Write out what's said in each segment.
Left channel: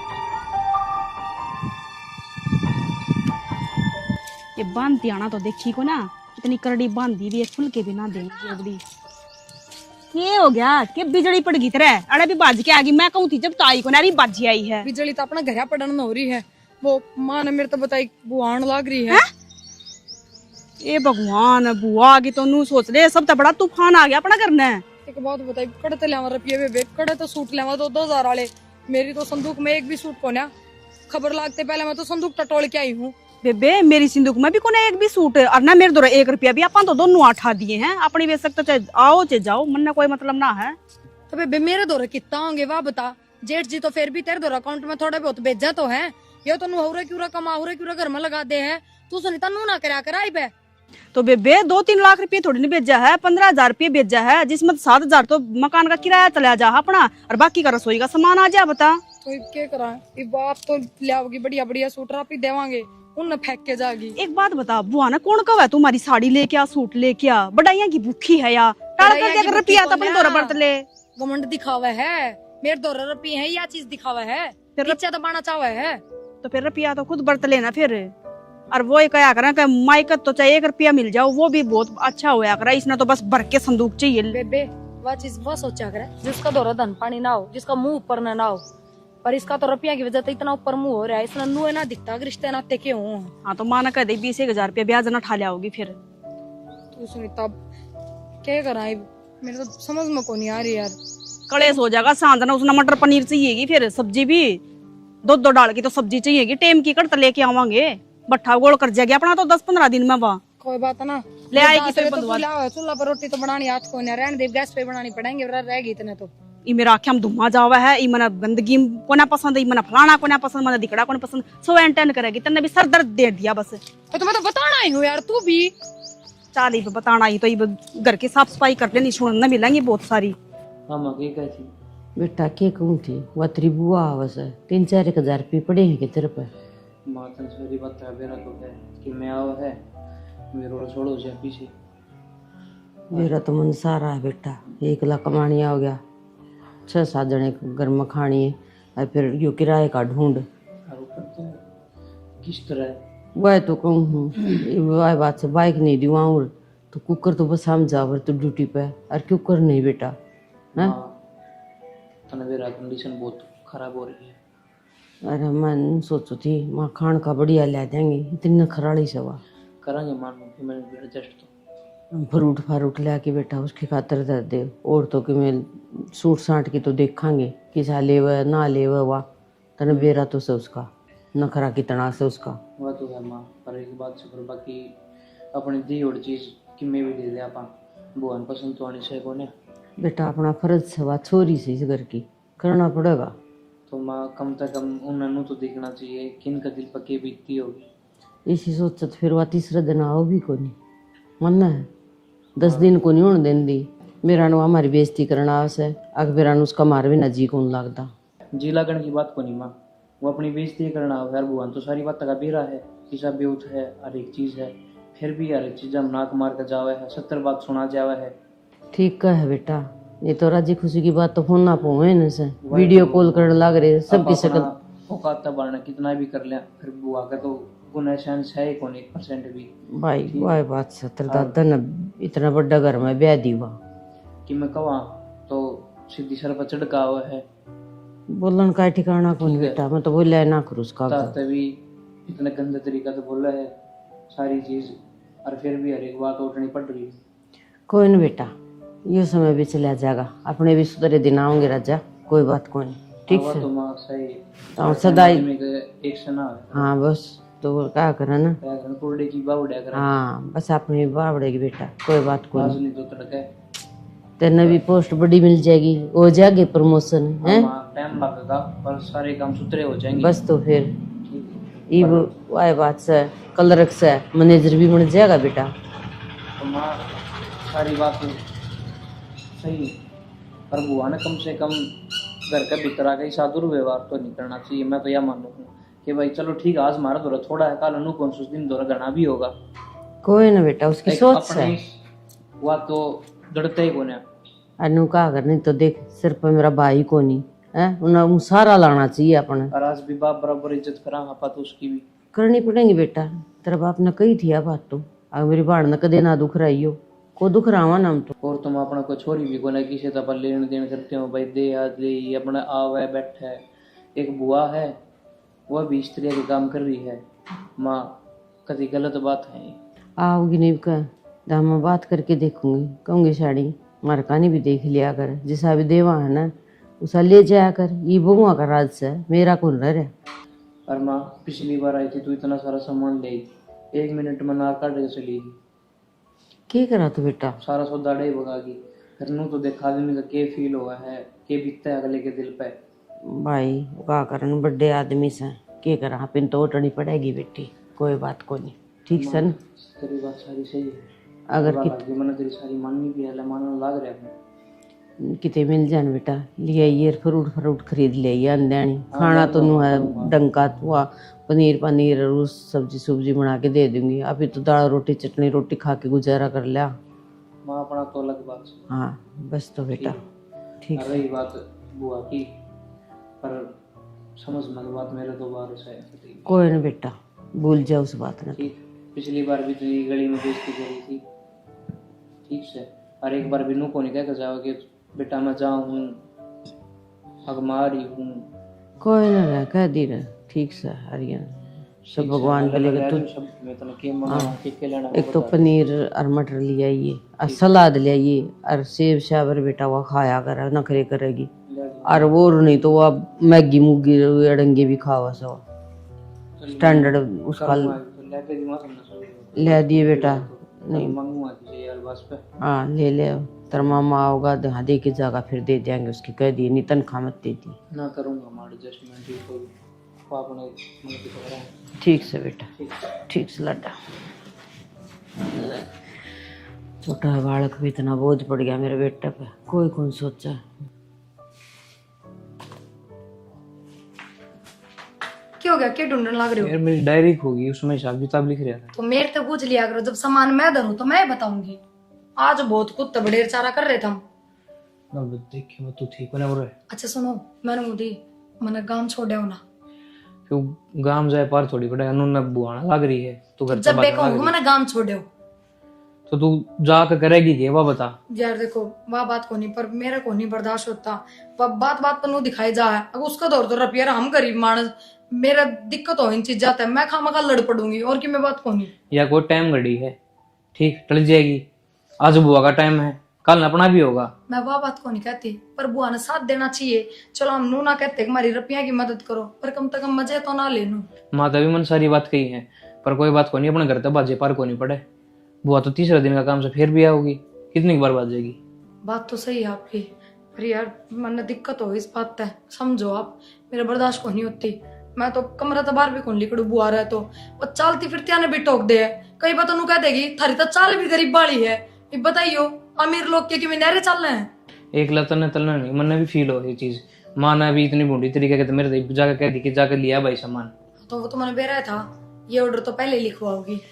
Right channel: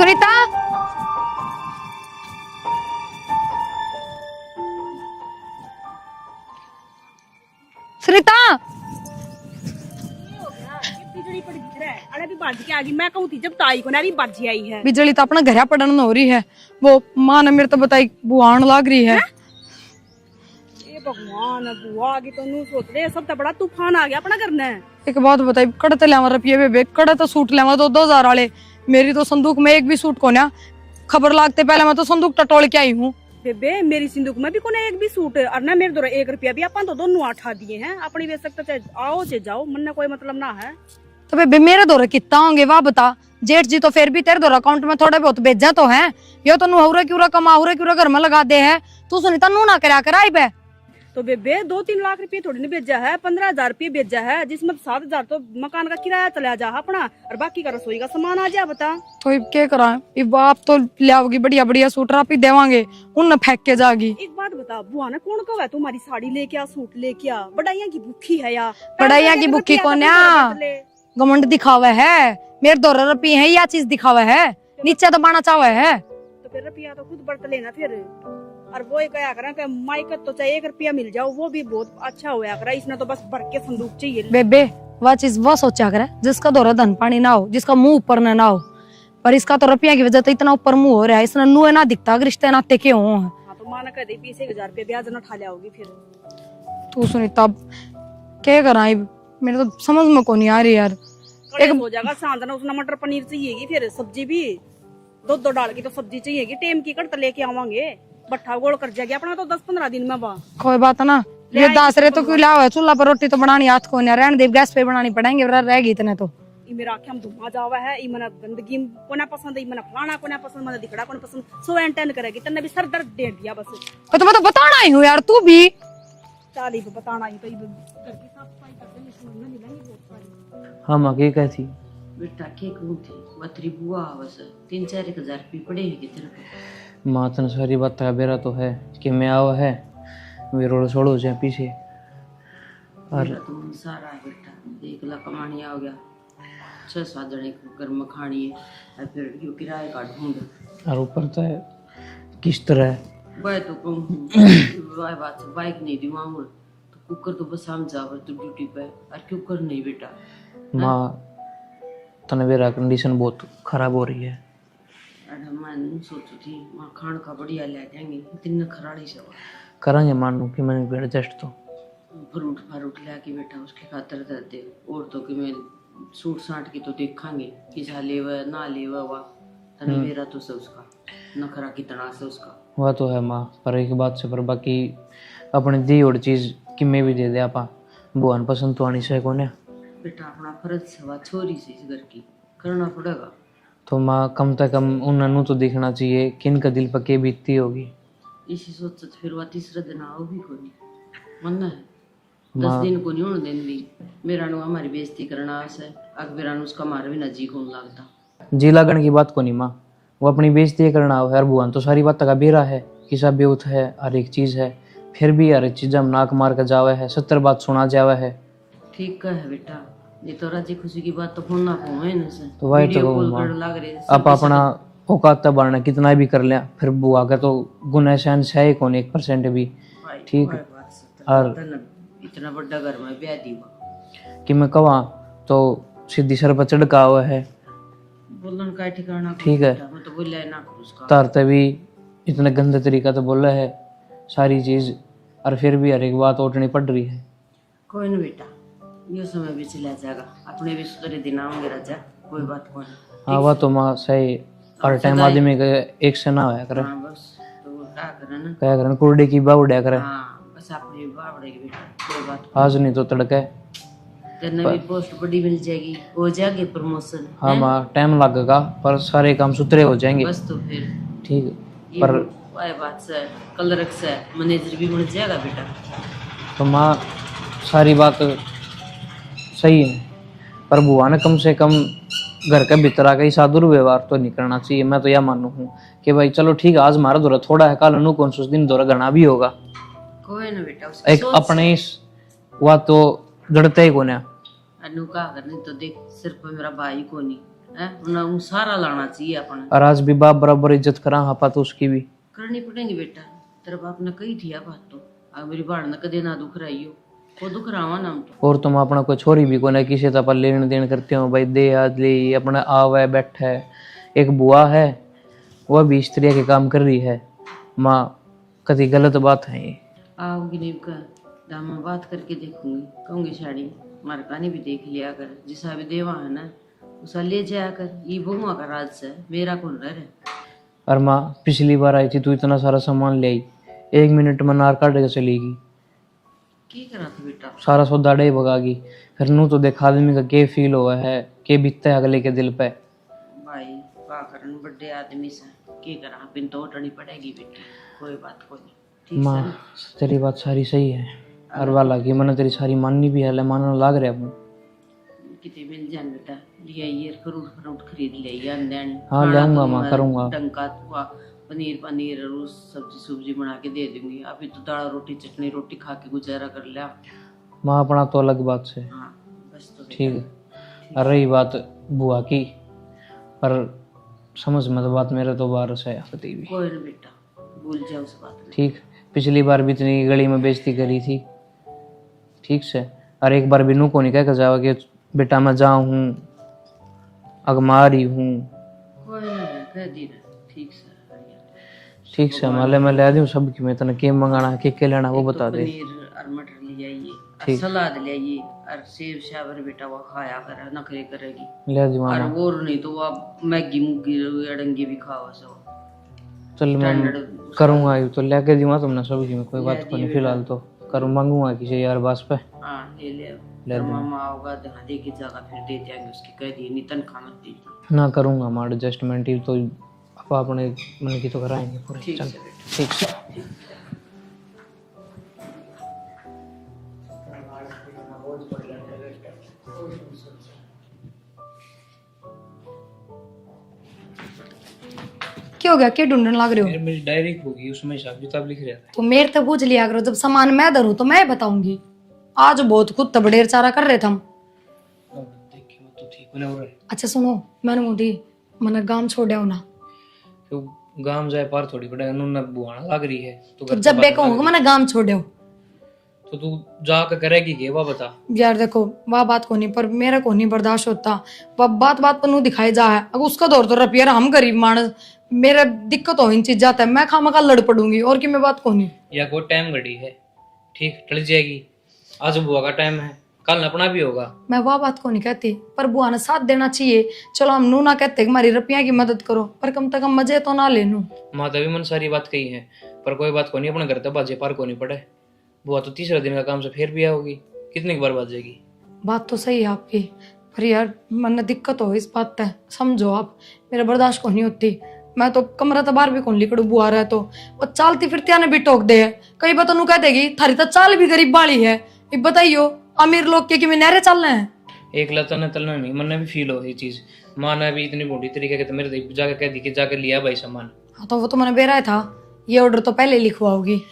सुनीता ये बांधती आना तो देखी को ना, इतनी करड़ी बांधी भी है, खुल के भी ना। सुनीता ये हो गया कि बिजली पड़ गई तेरे अरे भी बाज के आ गई। मैं कहूँ थी जब ताई को ना रही बाजी आई है। बिजली तो अपना घर पड़न हो रही है। वो माँ ने मेरे तो बताई बुआन लाग रही है। ए भगवान बुआ की तो नू सोच ले, सब तो बड़ा तूफान आ गया अपना करना है। एक बात बताई, कड़े तो लेवा रुपये बेबे, कड़े तो सूट लेवा तो 2000 वाले। मेरी तो संदूक में एक भी सूट को ना, खबर लागते पहले मैं तो संदूक टटोल के आई हूँ। बेबे मेरी सिंदूक में भी कोने एक भी सूट और ना मेरे दो 1 रुपया भी अपन तो दोनों आठा दिए हैं अपनी वे सकते चाहे आओ चाहे जाओ, मन ना कोई मतलब ना है। तो बेबे मेरे दौरे कितना होंगे वाह बता। जेठ जी तो फिर भी तेरे दौरा अकाउंट में थोड़े बहुत भेजा तो है। ये तो नुहरे क्यूरा कमा हुरे क्यूरा घर में लगा दे है। तू सुनीता नू ना करा कर आई बे। तो बेबे 2-3 लाख रुपये थोड़ी नहीं भेजा है, 15,000 रुपये भेजा है, जिसमें 7,000 तो मकान का किराया चला जा अपना और बाकी का रसोई का सामान आ जा। बता तो क्या करा, आप तो लाओगी बढ़िया बढ़िया सूट आप ही देवांगे, उन फेंक के जागी। एक बात बता बुआ ना कौन कव है तुम्हारी साड़ी लेके आ सूट लेके आ, बड़ाइया की भूखी है या बड़ाइया की भूखी कौन है? घमंड दिखावा है मेरे दौरे रपी है, या चीज दिखावा है, नीचे दबाना चाहे है। तो फिर रुपया तो खुद बरत लेना फिर। और वो क्या करा कि माइकत तो चाहे 1 रुपया मिल जाओ वो भी बहुत अच्छा होया करा, इसने तो बस भर के संदूक चाहिए। बेबे वह चीज वो सोचा करे जिसका दौरा धन पानी ना हो, जिसका मुंह ऊपर ना हो। पर इसका तो रुपया की वजह से इतना ऊपर मुंह हो रहा है, इसने नुए ना दिखता रिश्ते नाते के हो। हाँ तो माना कह दे 20,000 रुपया ब्याज ना ठा लिया होगी फिर। तू सुनीता क्या करा, मेरे तो समझ में को नहीं आ रही यार। कड़े हो जाएगा सांधना, उसने मटर पनीर चाहिएगी, फिर सब्जी भी 2-2 डाल की तो सब्जी चाहिएगी, टेम की कड़ता लेके आवांगे, बट्ठा गोल कर जाएगी अपना तो 10-15 दिन में। वहाँ कोई बात ना, ये दांत रे तो कोई लाओ, चूल्हा पर रोटी तो बनानी हाथ को नहीं रहने दे, गैस पे बनानी पड़ेंगे, रहेगी इतने तो। ये मेरा आख्या हम धुआं जावा है, ये मना गंदगी को ना पसंद है, मना फलाना को ना पसंद, मना दिखड़ा को ना पसंद, सो एंटेन करेगी तन्ने भी सर दर्द दे दिया बस। तो मैं तो बताना ही हूँ यार, तू भी चाली पे बताना ही तो ये घर की साफ सफाई कर लेनी, सुनने मिलेंगी बहुत सारी। हाँ माँ के कहती बेटा के कहूँ थी वह तेरी बुआ आवस है, 3-4 हजार रुपये पड़े हैं कि तेरे पे। माँ तन सारी बात का बेरा तो है कि मैं आवा है वे रोड़ छोड़ो जाए पीछे। मेरा तो मन सारा है बेटा, 1 लाख कमानी हो गया, 6-7 जने घर में खानी है और फिर यो किराए का ढूंढ और ऊपर तो है किस तरह वह तो कहूँ हूँ वह बात से बाइक नहीं दिवाऊँ तो कुकर तो बस हम जावर तो ड्यूटी पे और कुकर नहीं बेटा। माँ तन मेरा कंडीशन बहुत खराब हो रही है। अरे मैं सोचू थी माँ खान का बढ़िया ले देंगे, इतनी खराड़ी सवा करेंगे मान लो कि मैंने एडजस्ट तो फ्रूट फारूट ले के बेटा उसकी खातर दे दे, और तो कि मैं सूट साट की तो देखांगे किसा लेवा ना लेवा वाह तने बेरा तो से उसका नखरा कितना से उसका। वह तो है माँ, पर एक बात से पर बाकी अपनी दी और चीज़ कि मैं भी दे दे आपा बुआन पसंद तो आनी से कोने बेटा अपना फर्ज से वह छोरी से इस घर की करना पड़ेगा। तो माँ कम से कम उन्होंने तो दिखना चाहिए कि इनका दिल पर के बीतती होगी। इसी सोच फिर वह तीसरा दिन आओ भी को नहीं मन है 10 दिन को नहीं होने देन दी, मेरा नो हमारी बेइज्जती करना आवश्य अग मेरा नु उसका मार भी ना जी कौन लगता। जी लागण की बात को नहीं माँ, वो अपनी बेइज्जती करना हो हर बुआन तो सारी बात का बेरा है कि सब बेउत है हर एक चीज़ है, फिर भी हर एक चीज़ हम नाक मार कर जावे है 70 बात सुना जावे है। ठीक है बेटा, ये तो राजी खुशी की बात तो फोन ना पहुँचे न से तो वही वीडियो तो कॉल कर लग रहे अब अपना औकात बढ़ना कितना भी कर लिया फिर बुआ का तो गुना सहन है कौन 1% भी। भाई ठीक वही बात 70 इतना बड़ा घर में ब्याह दीवा कि मैं कहा तो सीधी सर पर चढ़का हुआ है बोलन का ठिकाना को ठीक है। बेटा मैं तो बोला ना करूँ उसका तारते भी इतना गंदा तरीका तो बोला है सारी चीज़, और फिर भी हर एक बात उठनी पड़ रही है। कोई नहीं बेटा, ये समय भी चला जाएगा, अपने भी सुधरे दिन आओगे राजा, कोई बात कोई नहीं। हाँ तो माँ सही और हर टाइम सदाई- आदमी का एक से ना होया करे, हाँ बस तो क्या करे ना, क्या करे कुर्डे की बावड़िया करे, हाँ बस अपनी बावड़ेगी बेटा, कोई बात कोई आज नहीं तो तड़के। तेने भी पोस्ट बड़ी मिल जाएगी, हो जाएगी प्रमोशन। हाँ माँ टाइम लगेगा पर सारे काम सुथरे हो जाएंगे। बस तो फिर ठीक है ये वही बात से कलर से मैनेजर भी बन जाएगा बेटा। तो माँ सारी बात सही है पर बुआ ने कम से कम घर के भीतर आकर ही साधु व्यवहार तो नहीं करना चाहिए। मैं तो यह मानू हूँ कि भाई चलो ठीक है आज हमारा दौरा थोड़ा है, कल अनु कौन दिन दौरा घना भी होगा। कोई ना बेटा उसकी एक सोच अपने हुआ तो जड़ते ही कोने अनु का अगर नहीं तो देख सिर्फ मेरा भाई को नहीं है, उन्हें सारा लाना चाहिए अपने। और आज भी बाप बराबर इज्जत करा हापा तो उसकी भी करनी पड़ेगी बेटा, तेरा बाप ने कही थी बात तो, अगर मेरी बाढ़ ने कदे ना दुख रही हो, को दुख रहा ना हम तो। और तुम अपना कोई छोरी भी को ना किसी तो लेन देन करते हो भाई, दे आज ले अपना आवे बैठे। एक बुआ है वह भी इस तरह के काम कर रही है। माँ कभी गलत बात है ये। आओगी नहीं का दाम मैं बात करके देखूंगी, कहूंगी साड़ी मार कहानी भी देख लिया कर, जैसा भी देवा है ना उसा ले जाया कर, ये बहुआ का राज से मेरा कौन रह रहा। और माँ पिछली बार आई थी तू इतना सारा सामान ले आई, 1 मिनट में नार काट के चलेगी। क्या करा तू बेटा? सारा सौदा डे भगागी। फिर नू तो देखा आदमी का के फील हुआ है, के बीतता है अगले के दिल पे। भाई का करन बड़े आदमी से के करा, पिन तो उठनी पड़ेगी बेटी, कोई बात को नहीं, ठीक है ना? तेरी बात सारी सही है, अगर वाला की मैंने तेरी सारी माननी भी है, मानने लाग रहा हूँ। किते मिल जान बेटा, ले आइए फ्रूट खरीद ले आइए अंदर। हाँ, खाना तो मैं करूँगा। डंका हुआ पनीर और सब्जी बना के दे दूंगी। अभी तो दाल रोटी चटनी रोटी खा के गुजारा कर लिया। माँ अपना तो अलग बात से। हाँ बस तो ठीक बेटा है। और रही बात बुआ की, पर समझ मत बात, मेरे तो बाहर से आती भी। कोई ना बेटा, भूल जाओ उस बात ने। ठीक, पिछली बार भी इतनी गली में बेइज्जती करी थी, ठीक से। और एक बार भी नू को नहीं कह जाओ कि बेटा मैं जाऊँ हूँ अगमारी हूँ। कोई ना कह दी रहे, ठीक से हरियन ठीक से मैं ले दूँ सब की। मैं तने के मंगाना के लेना वो एक तो बता दे। पनीर और मटर ले आइए और सलाद ले आइए और सेब शाबर बेटा वो खाया कर, नखरे करेगी। ले दूँ और वो नहीं तो वो मैगी मुगी अड़ंगे भी खावा सब चल स्टैंडर्ड करूँगा, तो लेके दूँगा तुमने सब की। मैं कोई ले बात दिए नहीं, बेटा। फिलहाल तो करूँ मंगूंगा किसी यार बास पे। हाँ ले ले, तेरा मामा आओगा यहाँ दे के जाएगा, फिर दे देंगे उसकी, कह दिए नहीं तनख्वाह मत दे दी। ना करूँगा माँ एडजस्टमेंट ही तो अब अपने मन की तो कराएंगे। ठीक से बेटा, ठीक से लड्डा। छोटा बालक भी इतना बोझ पड़ गया मेरे बेटे पे, कोई कौन सोचा। क्या हो गया, क्या ढूंढने लग रहे हो? यार मेरी डायरी खो गई, उसमें हिसाब किताब लिख रहा था। तो मेरे से पूछ लिया करो, जब सामान मैं धरूं तो मैं बताऊंगी। आज बहुत खुद तबड़ेर चारा कर रहे थे हम। अब देखे वो तो ठीक होने वाला है। अच्छा सुनो, मैंने मोदी मैंने गांव छोड़े ना, क्यों गांव जाए पार थोड़ी बड़ा न बुआना लग रही है तू तो जब मैं कहूंगा मैंने गांव छोड़े तो तू जाकर करेगी के वह बता। यार देखो वह बात को नहीं, पर मेरा को नहीं बर्दाश्त होता। वह बात बात पर नू दिखाई जा है, अब उसका दौर तो रुपया, हम गरीब मानस, मेरा दिक्कत हो इन चीज जाता है, मैं खामखा लड़ पड़ूंगी और कि मैं बात को नहीं। या कोई टाइम घड़ी है, ठीक टल जाएगी। आज बुआ का टाइम है, कल अपना भी होगा। मैं वह बात को नहीं कहती, पर बुआ ने साथ देना चाहिए। चलो हम नू ना कहते कि हमारी रुपया की मदद करो, पर कम से कम मजे तो ना ले नू। माता भी मन सारी बात कही है, पर कोई बात को नहीं, अपने घर तक बाजे पार को नहीं पड़े। बुआ तो तीसरा दिन का काम से फिर भी आओगी, कितनी बार बात जाएगी। बात तो सही है आपकी, पर यार मन दिक्कत हो इस बात पे, समझो आप, मेरा बर्दाश्त को नहीं होती। मैं तो कमरा तो बाहर भी कौन लिखड़ू बुआ रहा, तो वो चालती फिरती आने भी टोक दे है। कई बात कह देगी थारी तो चाल भी गरीब बाली है, बताइयो अमीर लोग के कि नहरे चलना है। एक लतन तलना नहीं, मन भी फील हो ये चीज। माँ ने भी इतनी बूढ़ी तरीके के मेरे जाकर कह दी कि जाकर लिया भाई सामान। हाँ तो वो तो मैंने बेरा था, ये ऑर्डर तो पहले लिखवाओगी।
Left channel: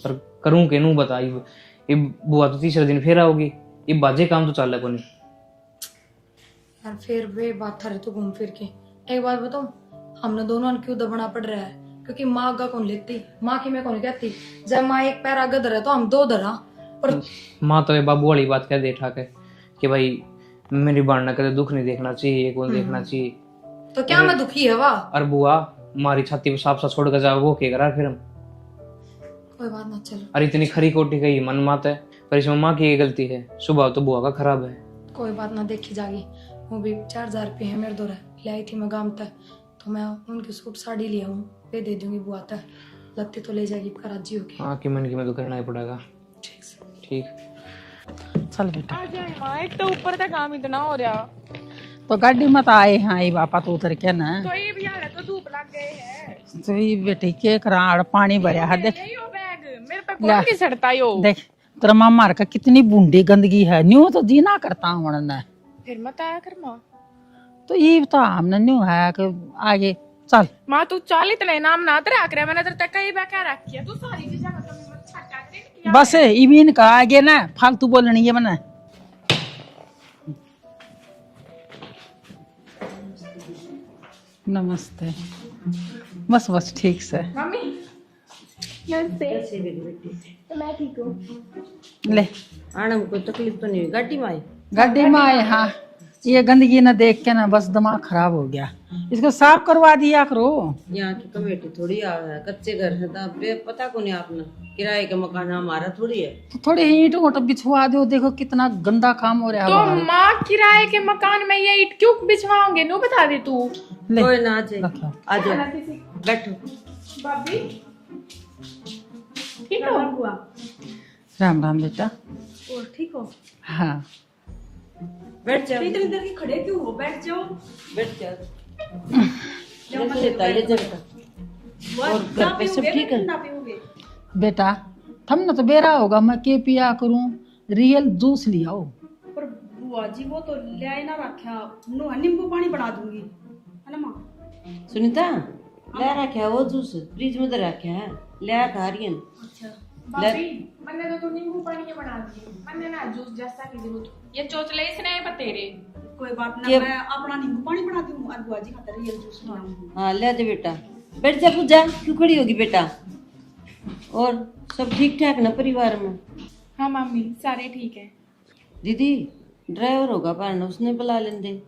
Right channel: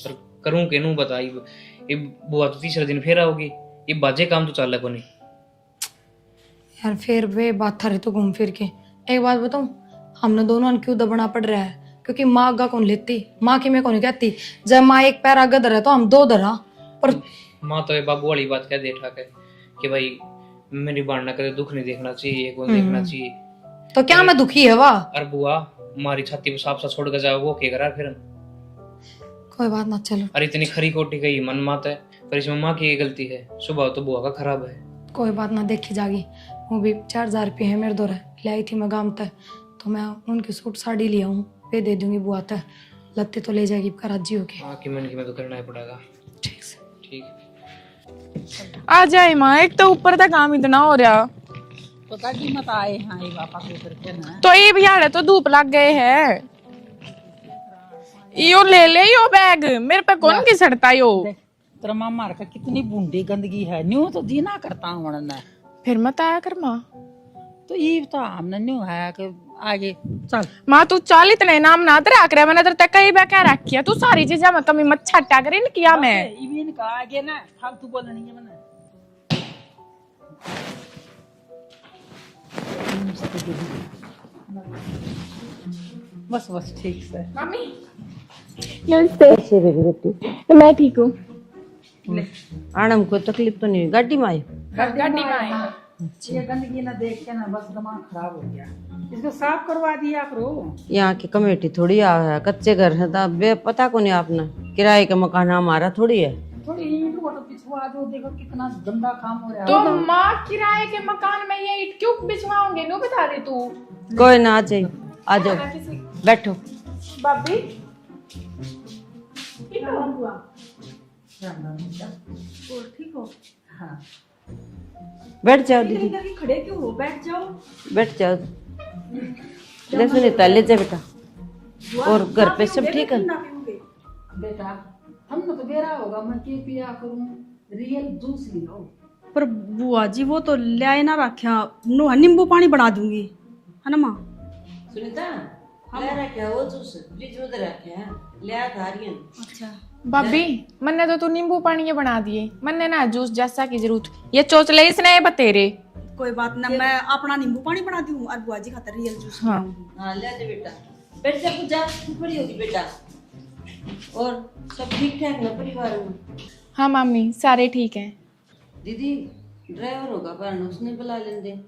पर करूं के नू बता, ये बुआ तो तीसरे दिन फिर आओगी, ये बाजे काम तो चल को नहीं यार। फिर वे बात थारे तो घूम फिर के एक बात बताऊं, हमने दोनों क्यों दबना पड़ रहा है, क्योंकि माँ आगा कौन लेती, माँ की मैं कौन कहती। जब माँ एक पैर आगे धरा तो हम दो धरा, पर माँ तो ये बाबू वाली बात कह दे ठा के कि भाई मेरी बाढ़ कदे दुख नहीं देखना चाहिए, ये कौन देखना चाहिए। तो क्या मैं दुखी है वाह। और बुआ मारी छाती पे साफ सा छोड़ कर जाओ, वो क्या करा फिर हम। कोई बात ना, चलो और इतनी खरी कोटी गई मन मात है, पर इसमें माँ की गलती है, सुबह तो बुआ का खराब है। कोई बात ना, देखी जागी। वो भी 4000 रुपये है मेरे दौरे, ले आई थी मैं गाँव तक, तो मैं उनकी सूट साड़ी लिया हूँ, पे दे दूंगी बुआ तक, लगते तो ले जाएगी कराची होके। हाँ कि मैंने तो करना ही पड़ेगा। ठीक से ठीक आ जाए माँ, एक तो ऊपर तक काम इतना हो रहा, तो गाड़ी मत आए हाँ ये बापा तो उतर के ना, तो ये भी यार तो धूप लग गए है। तो ये बेटी के कराड़ पानी यो भरा ले है। ले यो बैग, मेरे पे कौन की सड़ता यो। देख तेरा मामा का कितनी बूंदी गंदगी है, न्यू तो जीना करता हूँ ना, फिर मत आया कर माँ। तो ये तो हमने न्यू है कि आगे चल। माँ तू चाल इतने नाम ना तेरा आकर मैंने तेरे तक कई बार कह रखी, तू सारी चीजें में कमी मत छटा कर इन किया बस मैं। इबिन का आगे ना फालतू बोलनी है मना। नमस्ते। बस बस ठीक से मम्मी नमस्ते। कैसे बेगी बेटी? मैं ठीक हूँ। ले आनम को तकलीफ तो नहीं हुई? गाड़ी में आई? गाड़ी में आए। हाँ, ये गंदगी ना देख के ना बस दिमाग खराब हो गया। इसको साफ करवा दिया करो। यहाँ की कमेटी थोड़ी है, कच्चे घर है तो बे पता को नहीं आपने, किराए का मकान हमारा थोड़ी है। तो थोड़े ईंट वोट बिछवा दो, देखो कितना गंदा काम हो रहा है। तो बाबा। माँ किराए के मकान में ये ईंट क्यों बिछवाओगे? नू बता दे तू। कोई ना आ जाए, आ जाओ बैठो। भाभी ठीक हो? राम राम बेटा। और ठीक हो? हाँ बैठ जाओ इधर दीदी, इधर ही खड़े क्यों हो? बैठ जाओ। बैठ जाओ। जैसे लेता ले जा बेटा। और घर पे सब ठीक है? ना पीओगे? बेटा, थम ना तो बेरा होगा, मैं के पिया करूं, रियल जूस लियाओ। पर बुआ जी वो तो ले आए ना रखा, नो नींबू पानी बना दूंगी, है ना माँ? सुनीता ले रखा है वो जूस, फ्रिज में तो रखा है, ले आ खा रही है। अच्छा भाभी मन्ने तो तू नींबू पानी के बना दिए, मन्ने ना जूस जैसा की जरूरत। ये चोचले इसने बतेरे। कोई बात ना, मैं अपना नींबू पानी बना दूं और बुआ जी खातर रियल जूस। हाँ हाँ ले जा बेटा, बैठ जा, पूजा क्यों खड़ी होगी बेटा? और सब ठीक ठाक ना परिवार में? हाँ मम्मी सारे ठीक हैं। दीदी ड्राइवर होगा पर उसने बुला लेंदे।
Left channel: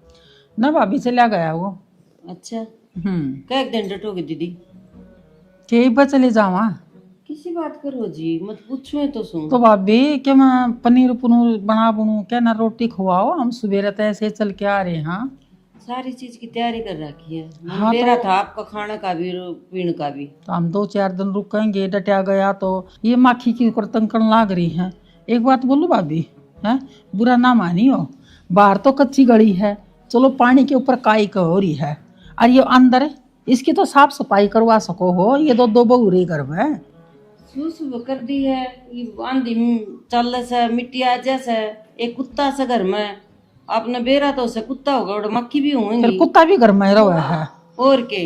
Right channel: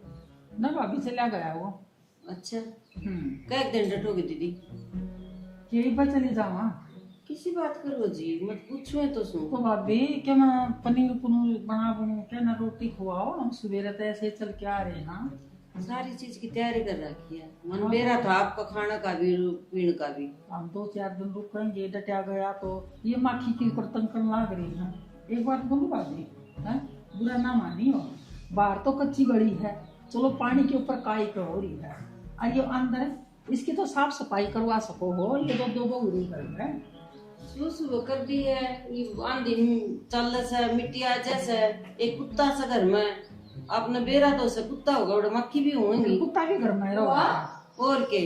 ना भाभी चला गया वो। अच्छा क्या एक दिन डटोगे दीदी? के पर चले जावा। किसी बात करो जी, मत पूछो तो सुन। तो भाभी क्या मैं पनीर पनूर बना बनू क्या ना, रोटी खुआओ, हम सवेरे तो ऐसे चल के आ रहे हैं। हाँ सारी चीज की तैयारी कर रखी है, हाँ, मेरा तो- था आपका खाना का भी और पीने का भी। तो हम 2-4 दिन रुकेंगे, डटिया गया तो ये माखी की ऊपर तंकन लाग रही है। एक बात बोलूं भाभी, है बुरा ना मानियो, बाहर तो कच्ची गली है, चलो पानी के ऊपर काई का हो रही है, और ये अंदर इसकी तो साफ सफाई करवा सको हो। ये दो बहुरे घर में सुबह कर दी है, ये आंधी चल से मिट्टी आ जैसे एक कुत्ता से घर में, आपने बेरा तो उसे कुत्ता होगा और मक्खी भी फिर होंगी कुत्ता भी घर में रहा है। और के।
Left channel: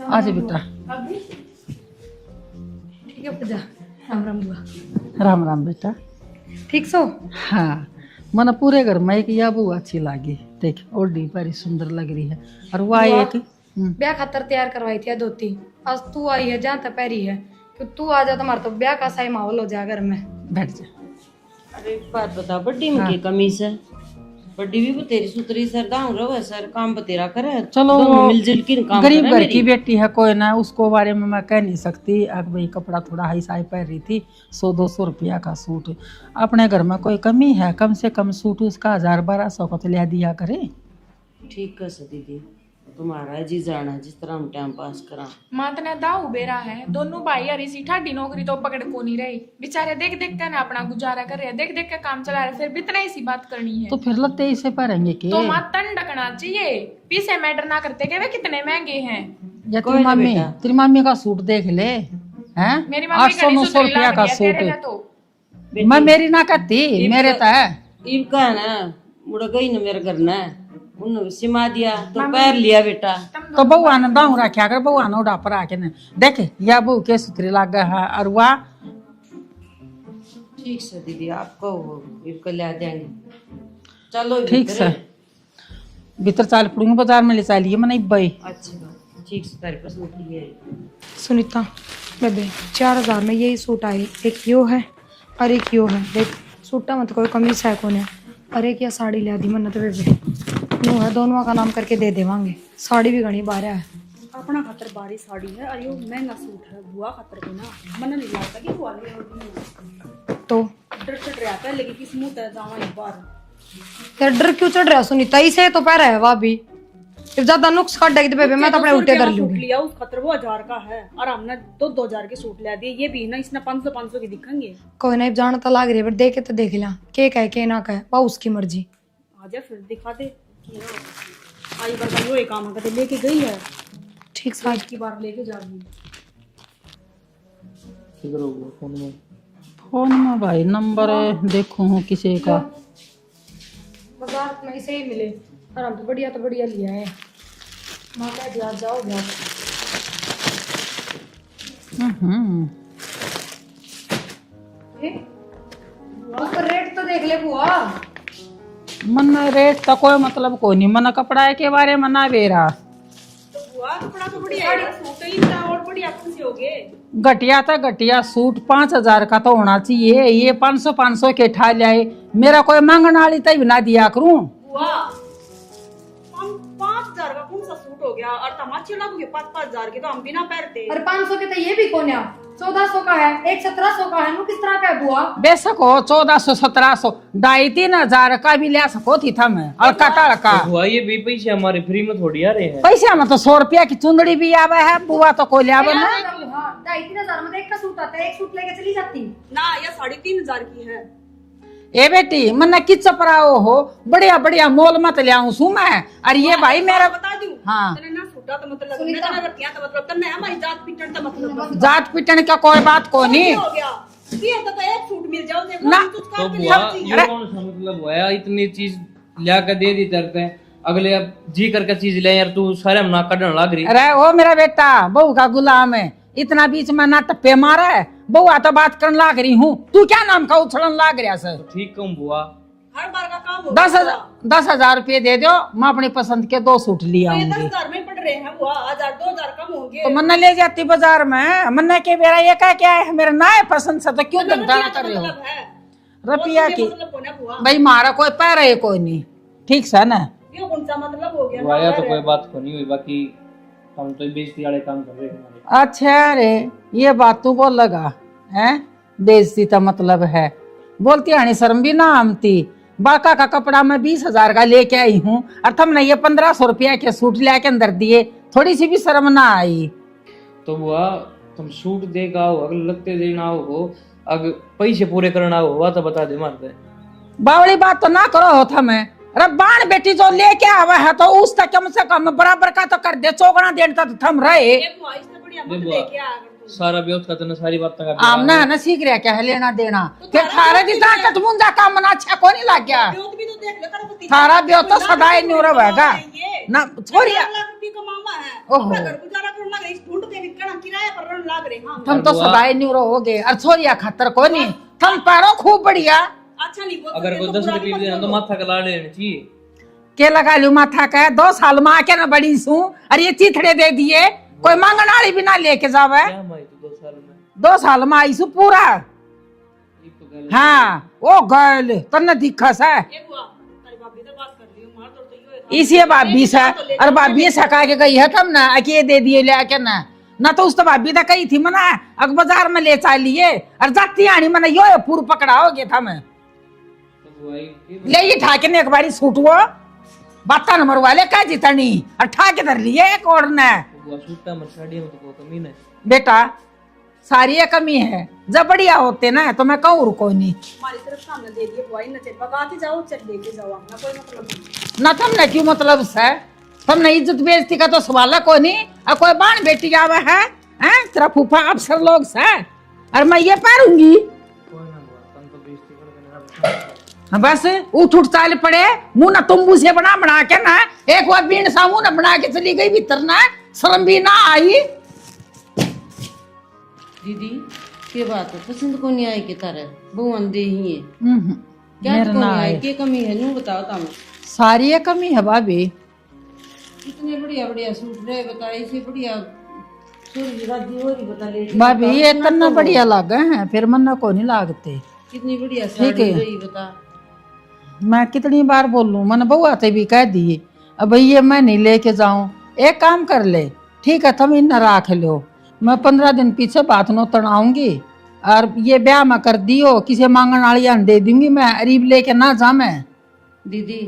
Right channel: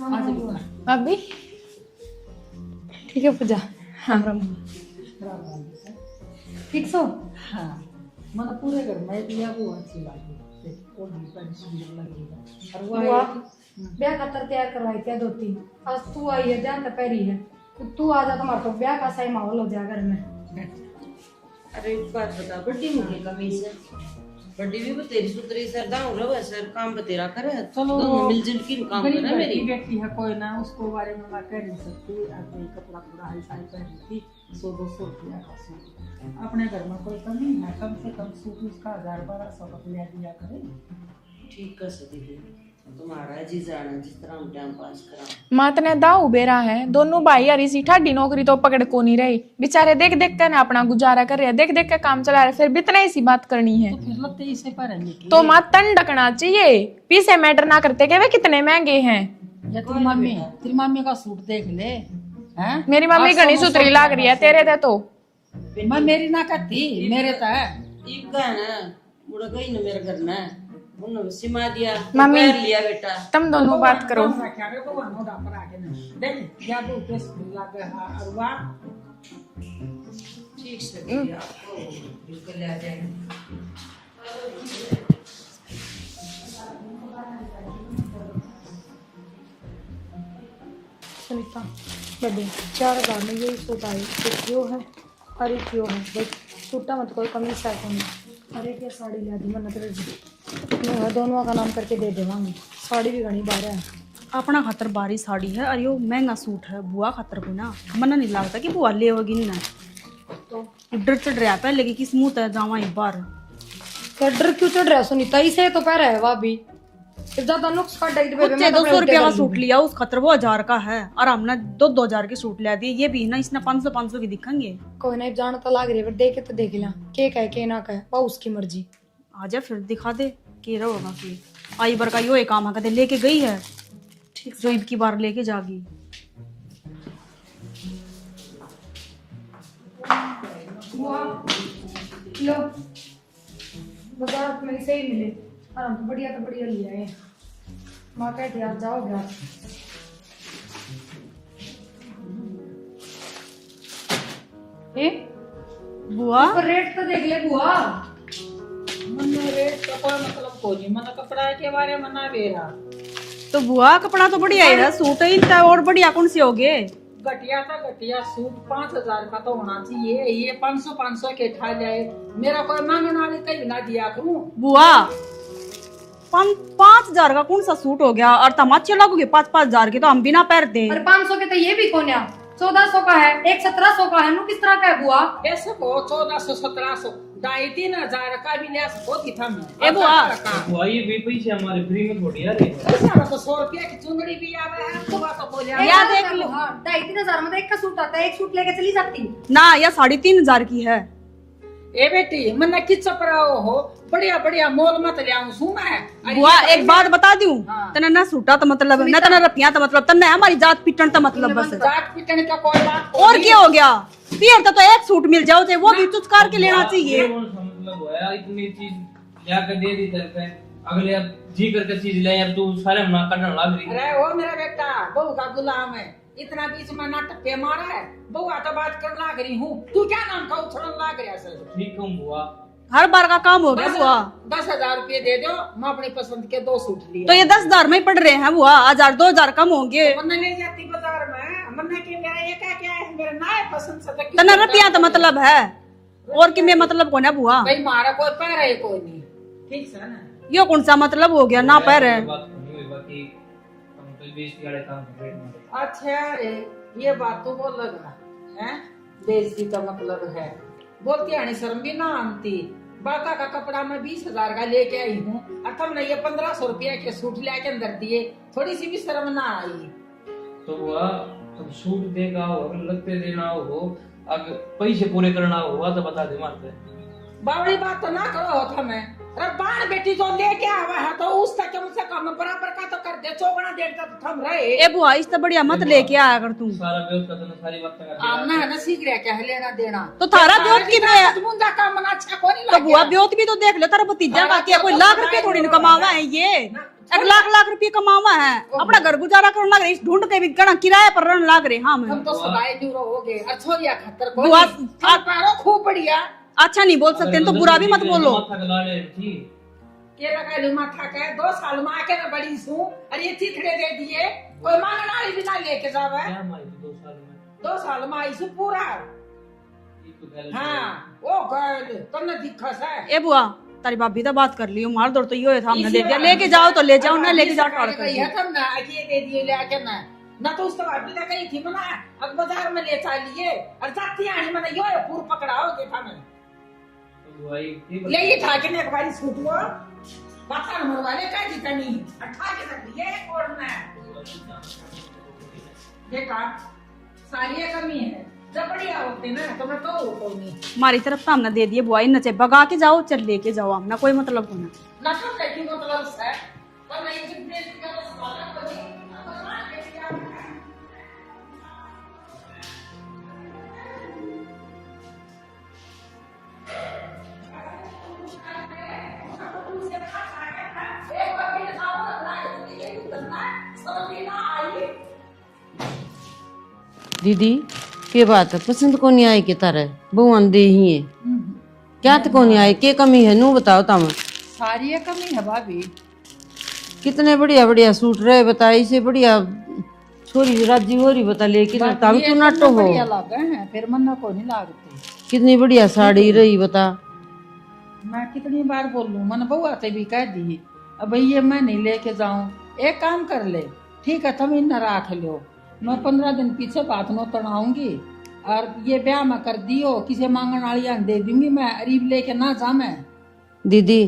आज बेटा भाभी ठीक है पूजा। हाँ राम बुआ। राम राम बेटा। ठीक सो? हाँ मन पूरे घर में एक या बुआ अच्छी लगी, देख ओढ़ी बड़ी सुंदर लग रही है। और वो बुआ, एक ब्याह खातर तैयार करवाई थी धोती, आज तू आई है जहाँ तक पैरी है, तो तू आ जा, तुम्हारा तो ब्याह का सही माहौल हो जाए घर में। बैठ जा। अरे एक बात बता, बड्डी में की कमी से? बड्डी भी बतेरी सुतरी सर दाऊ रहो सर, काम बतेरा करे, चलो दोनों मिलजुल के काम गरीब करे घर मेरी। की बेटी है, कोई ना उसको बारे में मैं कह नहीं सकती। अब भाई कपड़ा थोड़ा हाई साई पहन रही थी, 100-200 रुपया का सूट। अपने घर में कोई कमी है? कम से कम सूट उसका 1000-1200 का तो ले दिया करे। ठीक है सर दीदी, तुम्हारा जी जाना जिस तरह हम टाइम पास करा। मात ने दाऊ बेरा है, दोनों भाई यार इसी ठाडी नौकरी तो पकड़ को नहीं रही, बेचारे देख देख कर ना अपना गुजारा कर रहे हैं, देख देख कर काम चला रहे, फिर भी इतना ऐसी बात करनी है तो फिर लत्ते इसे पहनेंगे के? तो माँ तन ढकना चाहिए, पीछे मैटर ना करते के वे कितने महंगे हैं। या कोई ना बेटा। तेरी मम्मी का सूट देख ले, हैं? मेरी मम्मी 800-900 घनी सुथरी रुपया लग का रही है, सूट तेरे से तो मैं मेरी ना करती, मेरे तो है। इब का है ना, मुड़ा गई ना मेरे घर ना, उन्होंने सिमा दिया तो पैर लिया बेटा। तुम तो दोनों बउआ बात ने करो। दाऊ रखा कर, बउआ ने उड़ा पर आके ने देख या बहू के सुतरी लाग है। और वाह ठीक से दीदी, आपको इसको ले जाएंगे, चलो ठीक से भीतर चाल पड़ूंगी, बाजार में ले चलिए मैंने बई। अच्छा ठीक से तारी पसंद की है। सुनीता बेबे 4000 में यही सूट आए, एक यो है और एक यो है, देख सूटा मत कोई कमी है कौन है। अरे क्या साड़ी लिया दी मन्नत बेबे, यो है दोनों का नाम करके दे देवांगे। साड़ी भी घनी बार है, अपना खातर बारी साड़ी है और यो महंगा सूट है, बुआ खातर भी ना मन नहीं लगता कि बुआ ले होगी ना, तो डर चढ़ रहा पहले कि किस मुंह तक जावा एक बार। तेरा डर क्यों चढ़ रहा है सुनीता? इसे तो पह रहा है भाभी, फिर ज्यादा नुक्स काट देगी तो बेबे मैं कपड़े 200 उल्टे रुपया कर का सूट लूंगी। लिया उस खातर वो 1000 का है, और हमने 2-2000 के सूट ले दिए, ये भी ना इसने 500 की दिखेंगे। कोई नहीं जान तो लाग रही है, पर देखे तो देख लिया के कहे के ना कहे, वो उसकी मर्जी। आजा फिर दिखा दे के होगा फिर। आई बार का यो एक काम कहते लेके गई है, ठीक से आज की बार लेके जागी। फोन में भाई नंबर देखो हूँ किसी का। बाजार में इसे ही मिले, और हम तो बढ़िया लिया है। माँ कहती आ जाओ घर। ए बुआ रेट तो देख ले बुआ। मन रेट का कोई मतलब को नहीं, मन कपड़ा के बारे में ना बेरा। तो बुआ कपड़ा तो बढ़िया है, सूट है इनका और बढ़िया कौन से होगे? घटिया था घटिया सूट 5,000 का तो होना चाहिए, ये 500 के ठा लाए। मेरा कोई मांगने वाली तभी ना दिया करूं। बुआ 5,000 का कौन सा सूट हो गया? और तुम अच्छे लगोगे 5,000 के तो हम भी ना पहनते। पर 500 के तो ये भी कौन है, 1400 का है, एक 1700 का है, वो किस तरह का है बुआ? बेशक हो 1400 1700 2,500 का भी ले सको थी था मैं। और कटल का बुआ ये भी पैसे हमारे फ्री में थोड़ी आ रहे हैं। पैसा में तो 100 रुपया की चुंदड़ी भी आवे है, बुआ तो कोई ले आवे ना। 2,500 में तो एक का सूट आता है, एक सूट लेके चली जाती। ना यह 3,500 की है। ए बेटी मन्ना कि चपराओ हो, बढ़िया बढ़िया मोल मत ले आऊं सू मैं। अरे ये भाई एक बार बता दूं, हाँ। तना ना सूटा तो मतलब ना तना रतिया तो मतलब तना हमारी जात पिटन तो मतलब बस। जात पिटन का कोई बात को और नहीं। क्या हो गया? फिर तो एक सूट मिल जाओ थे, वो भी चुचकार के लेना चाहिए। ये कौन सा मतलब है, इतनी चीज ला के दे दी तरते हैं, अगले अब जी करके चीज ले यार, तू सारे हम ना काटने लग रही। अरे वो मेरा बेटा बहू का गुलाम है, इतना बीच में ना टप्पे मारा है। बहू तो बात करने लाग रही हूँ, तू क्या नाम का उछलन लाग रहा सर? ठीक कहूँ बुआ, हर बार का काम होगा। 10,000 रुपये दे दो, मैं अपनी पसंद के 2 सूट लिया। तो ये 10,000 में ही पड़ रहे हैं बुआ, 1,000-2,000 कम होंगे। तो मन्ना ले जाती बाजार में, मन्ना के मेरा ये क्या है, मेरा ना है पसंद से तो क्यों तना तुम रतिया दाम तो कर मतलब है, रतिया और किमें की- मतलब कौन है बुआ? भाई मारा कोई पैर है कोई नहीं, ठीक है ना? ये कौन सा मतलब हो गया ना बुआ, पैर तो है? कोई बात को नहीं हुई, बाकी हम तो बेइज्जती वाले काम कर रहे हैं हमारे। अच्छा रे ये बात तू बोल लगा है, बेइज्जती का मतलब है। बोलती आनी शर्म भी ना आमती। बाका का कपड़ा मैं 20,000 का लेके आई हूँ और तुमने ये 1,500 रुपया के सूट लेके अंदर दिए, थोड़ी सी भी शर्म ना आई? तो बुआ तुम सूट देगा हो, अगर लगते देना हो, अगर पैसे पूरे करना हो तो बता दे मारते। बावड़ी बात तो ना करो हो था मैं। रब्बान बेटी जो लेके आवा है तो उस तक कम से कम बराबर का तो कर दे, चौगना देर तक थम रहे। ए बुआ इससे बढ़िया मत लेके आया कर तू। सारा ब्योत का तो सारी बात का आमना है ना सीख रहा क्या है लेना देना, तो थारा ब्योत की मैं- तो मुंजा काम मना अच्छा को नहीं लग बुआ गया। ब्योत भी तो देख ले, तेरा भतीजा थारा का ब्योत कोई तो लाख सदाई रुपए थोड़ी न्यूरो कमावा होगा। है ये ना, और लाख रुपये कमावा है, ओहो। अपना घर गुजारा करने लग रहे, इस ढूंढ के भी गणा किराए पर रहने लग रहे। हाँ हम तो सदाई न्यूरो हो गए और छोरिया खातर कोई नहीं, थम पारो खूब बढ़िया। अच्छा नहीं बोल सकते तो बुरा भी मत बोलो। माथा का लाड़ लेना चाहिए। के लगा लू माथा का 2 साल में आके ना बड़ी सू और ये चिथड़े दे दिए, कोई मांगन वाली भी ना लेके जावे। क्या माई तो 2 साल में 2 साल में आई सू पूरा। एक तो गलत। हाँ वो गल तन्ने दिखस है ए बुआ तारी भाभी तो बात कर ली, मार दौड़ तो ये था इसी भाभी से तो ले और जाओ ना, भाभी लेके सका के जाओ। गई है तब ना अके दे दिए ले आके ना तो उस तो भाभी तो कही थी मना अग बाजार में ले चालिए और जाती आनी मना यो पूर पकड़ा हो गया था मैं तो बुआ ये ले ये ठाके ने एक बारी सूट वो बाता नंबर वाले का जितनी और ठाके धर लिए एक और ने। बुआ सूटा मछाड़ी में तो कमी नहीं। बेटा सारी ये कमी है, जब बढ़िया होते ना तो मैं कहूँ रुको नहीं। हमारी तरफ से हमने दे दिए बुआ, इन नचे भगा के जाओ चल लेके जाओ, हमने कोई मतलब नहीं। ना तुमने क्यों मतलब से, तुमने इज्जत बेइज्जती का तो सवाल को नहीं। और कोई बाण बेटी आवे है हैं तेरा फूफा अफसर लोग से और मैं ये पारूंगी बस उठ उठ चाल पड़े मुंह ना तुम से बना के ना एक बार बीन सा मुंह ना बना के चली गई भीतर ना शर्म भी ना आई। दीदी के बात है, पसंद को नहीं आई के तारे भगवान दे ही है क्या तो को नहीं आई, के कमी है नू बताओ तम। सारी ये कमी है भाभी। कितने बढ़िया बढ़िया सूट रहे बताई से बढ़िया छोरी राजी हो रही बता लेके भाभी ये करना बढ़िया लगा है, फिर मन को नहीं लागते। कितनी बढ़िया साड़ी रही बता। मैं कितनी बार बोलूं, मन बउआ ते भी कह दिए अब ये मैं नहीं लेके जाऊं। एक काम कर ले, ठीक है तुम इन राख लो, मैं 15 दिन पीछे बात नो तड़ाऊंगी और ये ब्याह में कर दियो किसी मांगन वाली दे दूंगी मैं, अरीब लेके ना जा मैं। दीदी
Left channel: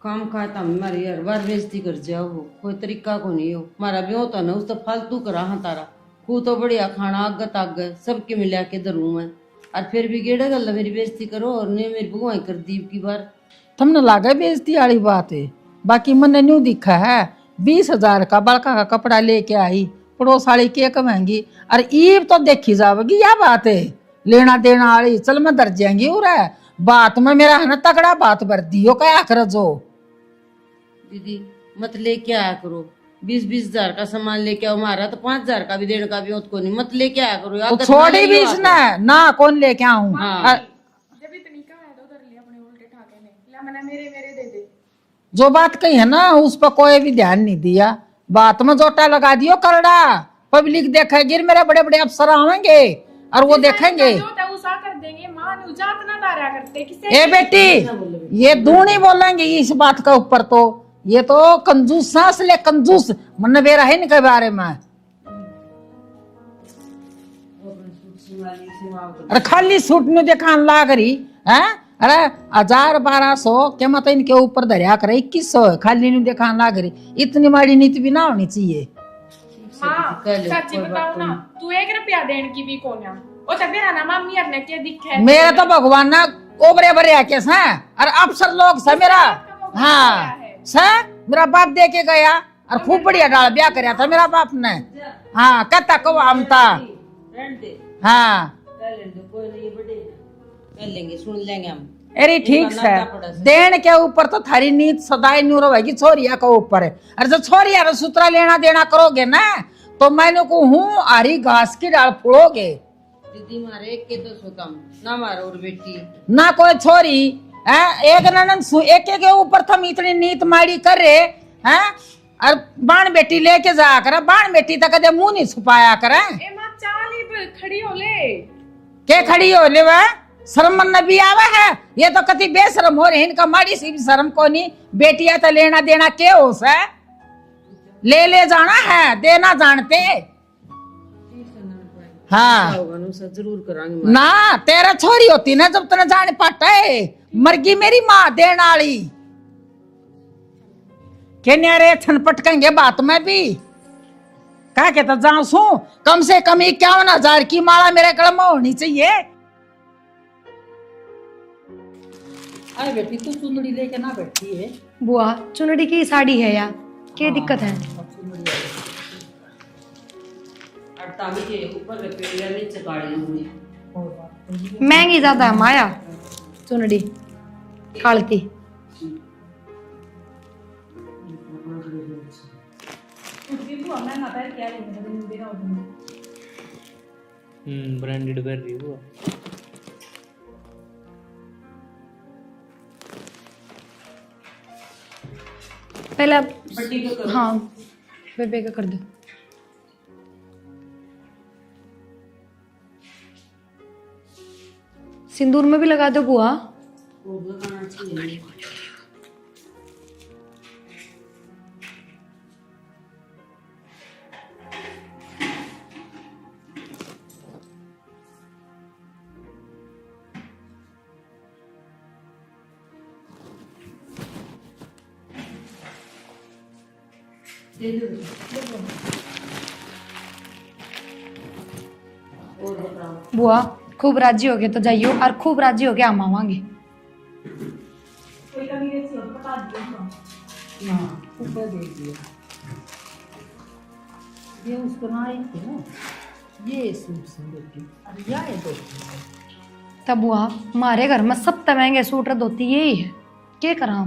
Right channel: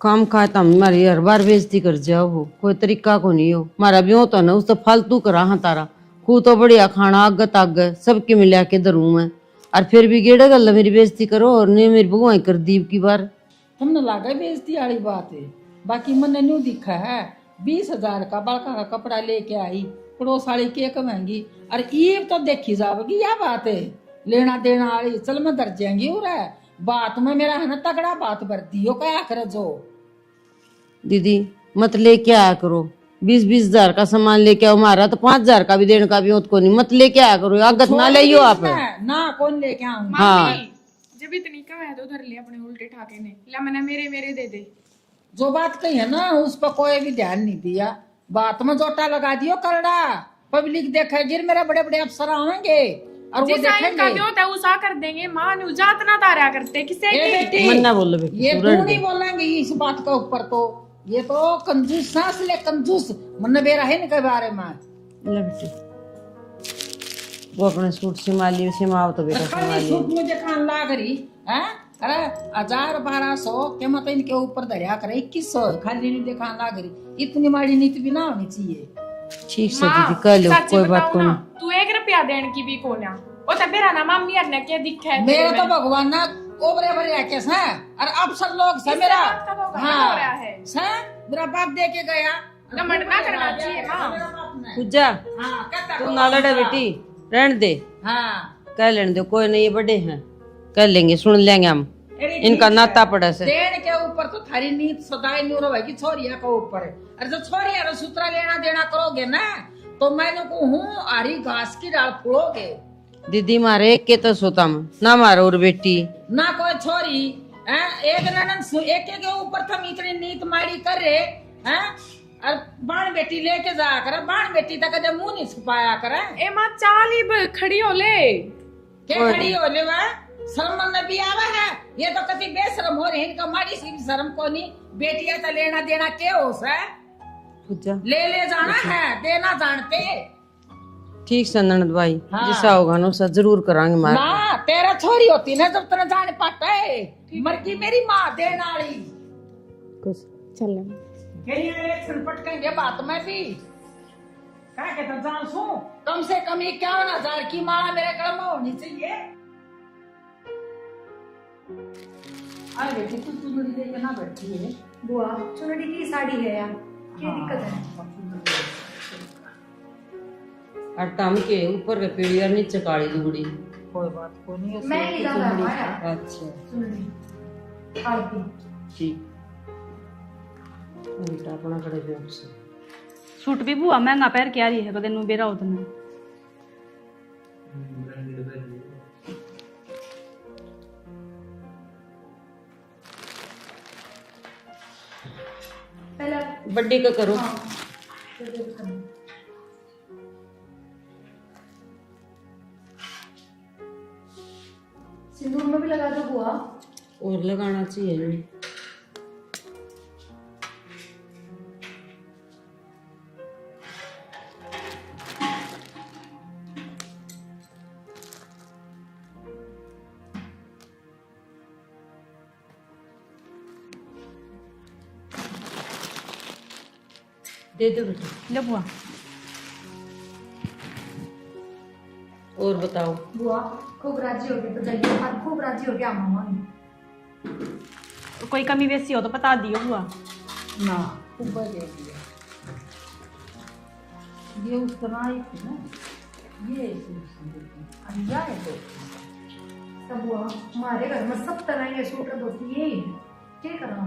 काम का तुम हमारी हर बार बेइज्जती कर जाओ हो, कोई तरीका को नहीं हो। मारा भी होता ना उस तो फालतू करा हाँ तारा खूब तो बढ़िया खाना आगत आग सबके मिला के दरू मैं और फिर भी गेड़े गल मेरी बेइज्जती करो और ने मेरी भगवाई कर दी की बार। तुमने लागा बेइज्जती वाली बात है, बाकी मैंने न्यू दिखा है 20,000 का बड़का का कपड़ा लेके आई, पड़ोस वाली के कमाएंगी और ईब तो देखी जाएगी। यह बात है लेना देना वाली, चल मैं दर जाएंगी हो रहा है बात में मेरा है ना तगड़ा बात भर दियो क्या कर जो। दीदी मत लेके आया करो, 20-20 हजार का सामान लेके आओ, मारा तो 5,000 का भी देने का भी होत को नहीं, मत लेके आया करो आगत ना ले ना कौन लेके आऊं। हाँ जब इतनी का है तो उधर ले अपने उल्टे के ठाके ने ला मैंने मेरे मेरे दे दे। जो बात कही है ना उस पर कोई भी ध्यान नहीं दिया, बात में जोटा लगा दियो करड़ा, पब्लिक देखेगी, मेरे बड़े बड़े अफसर आवेंगे और वो देखेंगे। उसा कर देंगे मां नु जात ना तारा करते किसे ए बेटी ना बोलो बेटी, ये दूनी बोलेंगे इस बात के ऊपर, तो ये तो कंजूस सांस ले कंजूस मन बेरा है इनके बारे में। ले बेटी वो अपने सूट सिमा लियो, सिमाओ तो अरे खाली सूट में दिखान लाग रही है, अरे 1000-1200 के मत इनके ऊपर दरिया करे 2100 खाली नहीं दिखान लाग रही, इतनी माड़ी नीति भी ना होनी चाहिए। ठीक से दीदी कर लो, कोई बात ना नहीं। तू 1 रुपया देने की भी कोना ओ तो तेरा ना मम्मी ने क्या दिखे मेरा तो भगवान ना ओबरे बरे आके सा और अफसर लोग सा मेरा, हाँ सा मेरा बाप दे के गया और खूब बढ़िया डाल ब्याह कराया था मेरा बाप ने, पूजा हाँ कहता को रहने दे, हाँ कह लेने दो, कोई नहीं, ये बड़े हैं कर लेंगे, सुन लेंगे हम। अरे ठीक इनका से। नाता पड़ा से देन के ऊपर तो थारी नीत सदाई न्यू रहेगी, छोरिया के ऊपर है। अरे जब छोरिया रो सूत्रा लेना देना करोगे ना तो मैंने को हूँ आरी घास की डाल फुड़ोगे। दीदी मारे एक के तो सोता में ना मारो, और बेटी ना कोई छोरी है, एक ननन एक के ऊपर थम इतनी नीत मारी करे हैं, और बाण बेटी लेके जा कर, बाण बेटी तक कदे मुंह नहीं छुपाया करे। ए मां चाल ही खड़ी हो ले के खड़ी हो ले वह शर्म मन भी आवे है, ये तो कति बेशरम हो रहे, इनका माड़ी सी भी शर्म को नहीं, बेटिया तो लेना देना के हो सा, पूजा ले जाना है, देना जानते। ठीक से ननद भाई, हाँ। ऐसा होगा ना उसका जरूर करांगे मार। ना तेरा छोरी होती ना जब तने जाने पाता है, मरगी मेरी माँ देने वाली चल के न्यारे छन पटकेंगे बात में भी क्या कहता जाऊं सू, कम से कम 51,000 की माला मेरे कलम में होनी चाहिए। अरे बेटी तू चुनरी लेके ना बैठी है, बुआ चुनरी की साड़ी है यार, क्या दिक्कत है? अट्टा में के ऊपर के पेड़ी और नीचे काली लुगड़ी, कोई बात कोई नहीं। महंगी ज्यादा है माया अच्छा चुनरी काल की। ठीक बेटा अपना करे जो से सूट भी बुआ महंगा पहन के आ रही है, कदे नु बेरा उतना ब्रांडेड कर रही हो। पहले बड्डी का करो। हाँ बेबे का कर दो। सिंदूर में भी लगा दो बुआ। और लगाना चाहिए। दे दो। ले बुआ। और बताओ बुआ खूब राजी हो गए तो जाइयो, और खूब राजी हो के हम आवांगे। तो कोई कमी बेसी हो तो बता दियो बुआ। ना ऊपर दे दिया, ये उस तरह आई थी ना, ये सूट से देखी अरे यार देखी तब बुआ हमारे घर में सबसे महंगे सूट धोती यही है, क्या करा?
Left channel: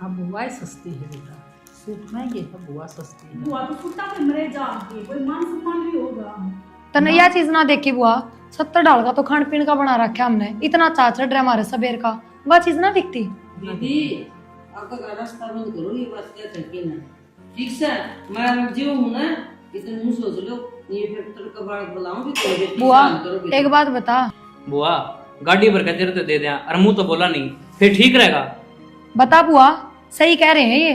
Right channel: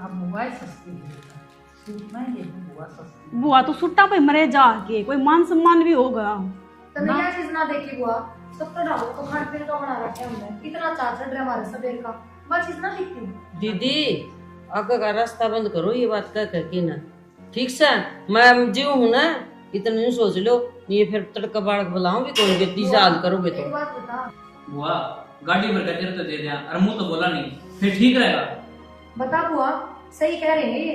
अब बुआ सस्ती है बेटा, सूट महंगे है, बुआ सस्ती है। बुआ तो सुट्टा पे मरे जाके कोई मान सम्मान भी होगा। तने यह चीज ना देखी बुआ, 70 डाल का तो खान पीन का बना रखा हमने, इतना चार चढ़ रहा हमारे सबेर का, वह चीज ना दिखती। दीदी आगे का रास्ता बंद करो, ये बात कह कर की ना, ठीक से मैं जीव हूँ ना, इतना नहीं सोच लो, ये फिर तड़का बाड़क बुलाऊं भी कोई बेटी बुआ साल करो बेटा। एक बात बता, बुआ गाड़ी भर के तेरे तो दे दिया और मुंह तो बोला नहीं, फिर ठीक रहेगा। बता बुआ सही कह रहे हैं ये,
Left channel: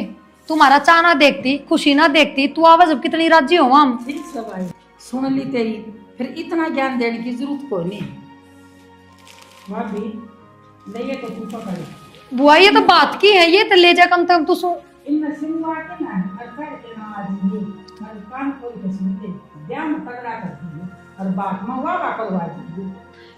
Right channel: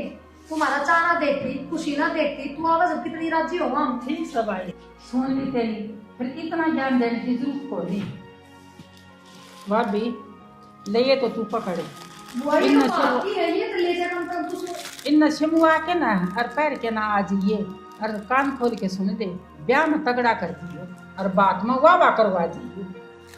तुम्हारा चाह ना देखती, खुशी ना देखती, तू आवाज अब कितनी राजी हो हम। ठीक सब आई सुन ली तेरी, फिर इतना ज्ञान देने की जरूरत को नहीं। भाभी ले तो तू पकड़े, बुआ ये तो बात की है, ये तो ले जा कम से कम तू सो। इन नशमुआ के ना और पैर के ना आ जाइए, और कान खोल के सुन दे, ब्याह में तगड़ा कर दियो और बात में वाह करवा दियो।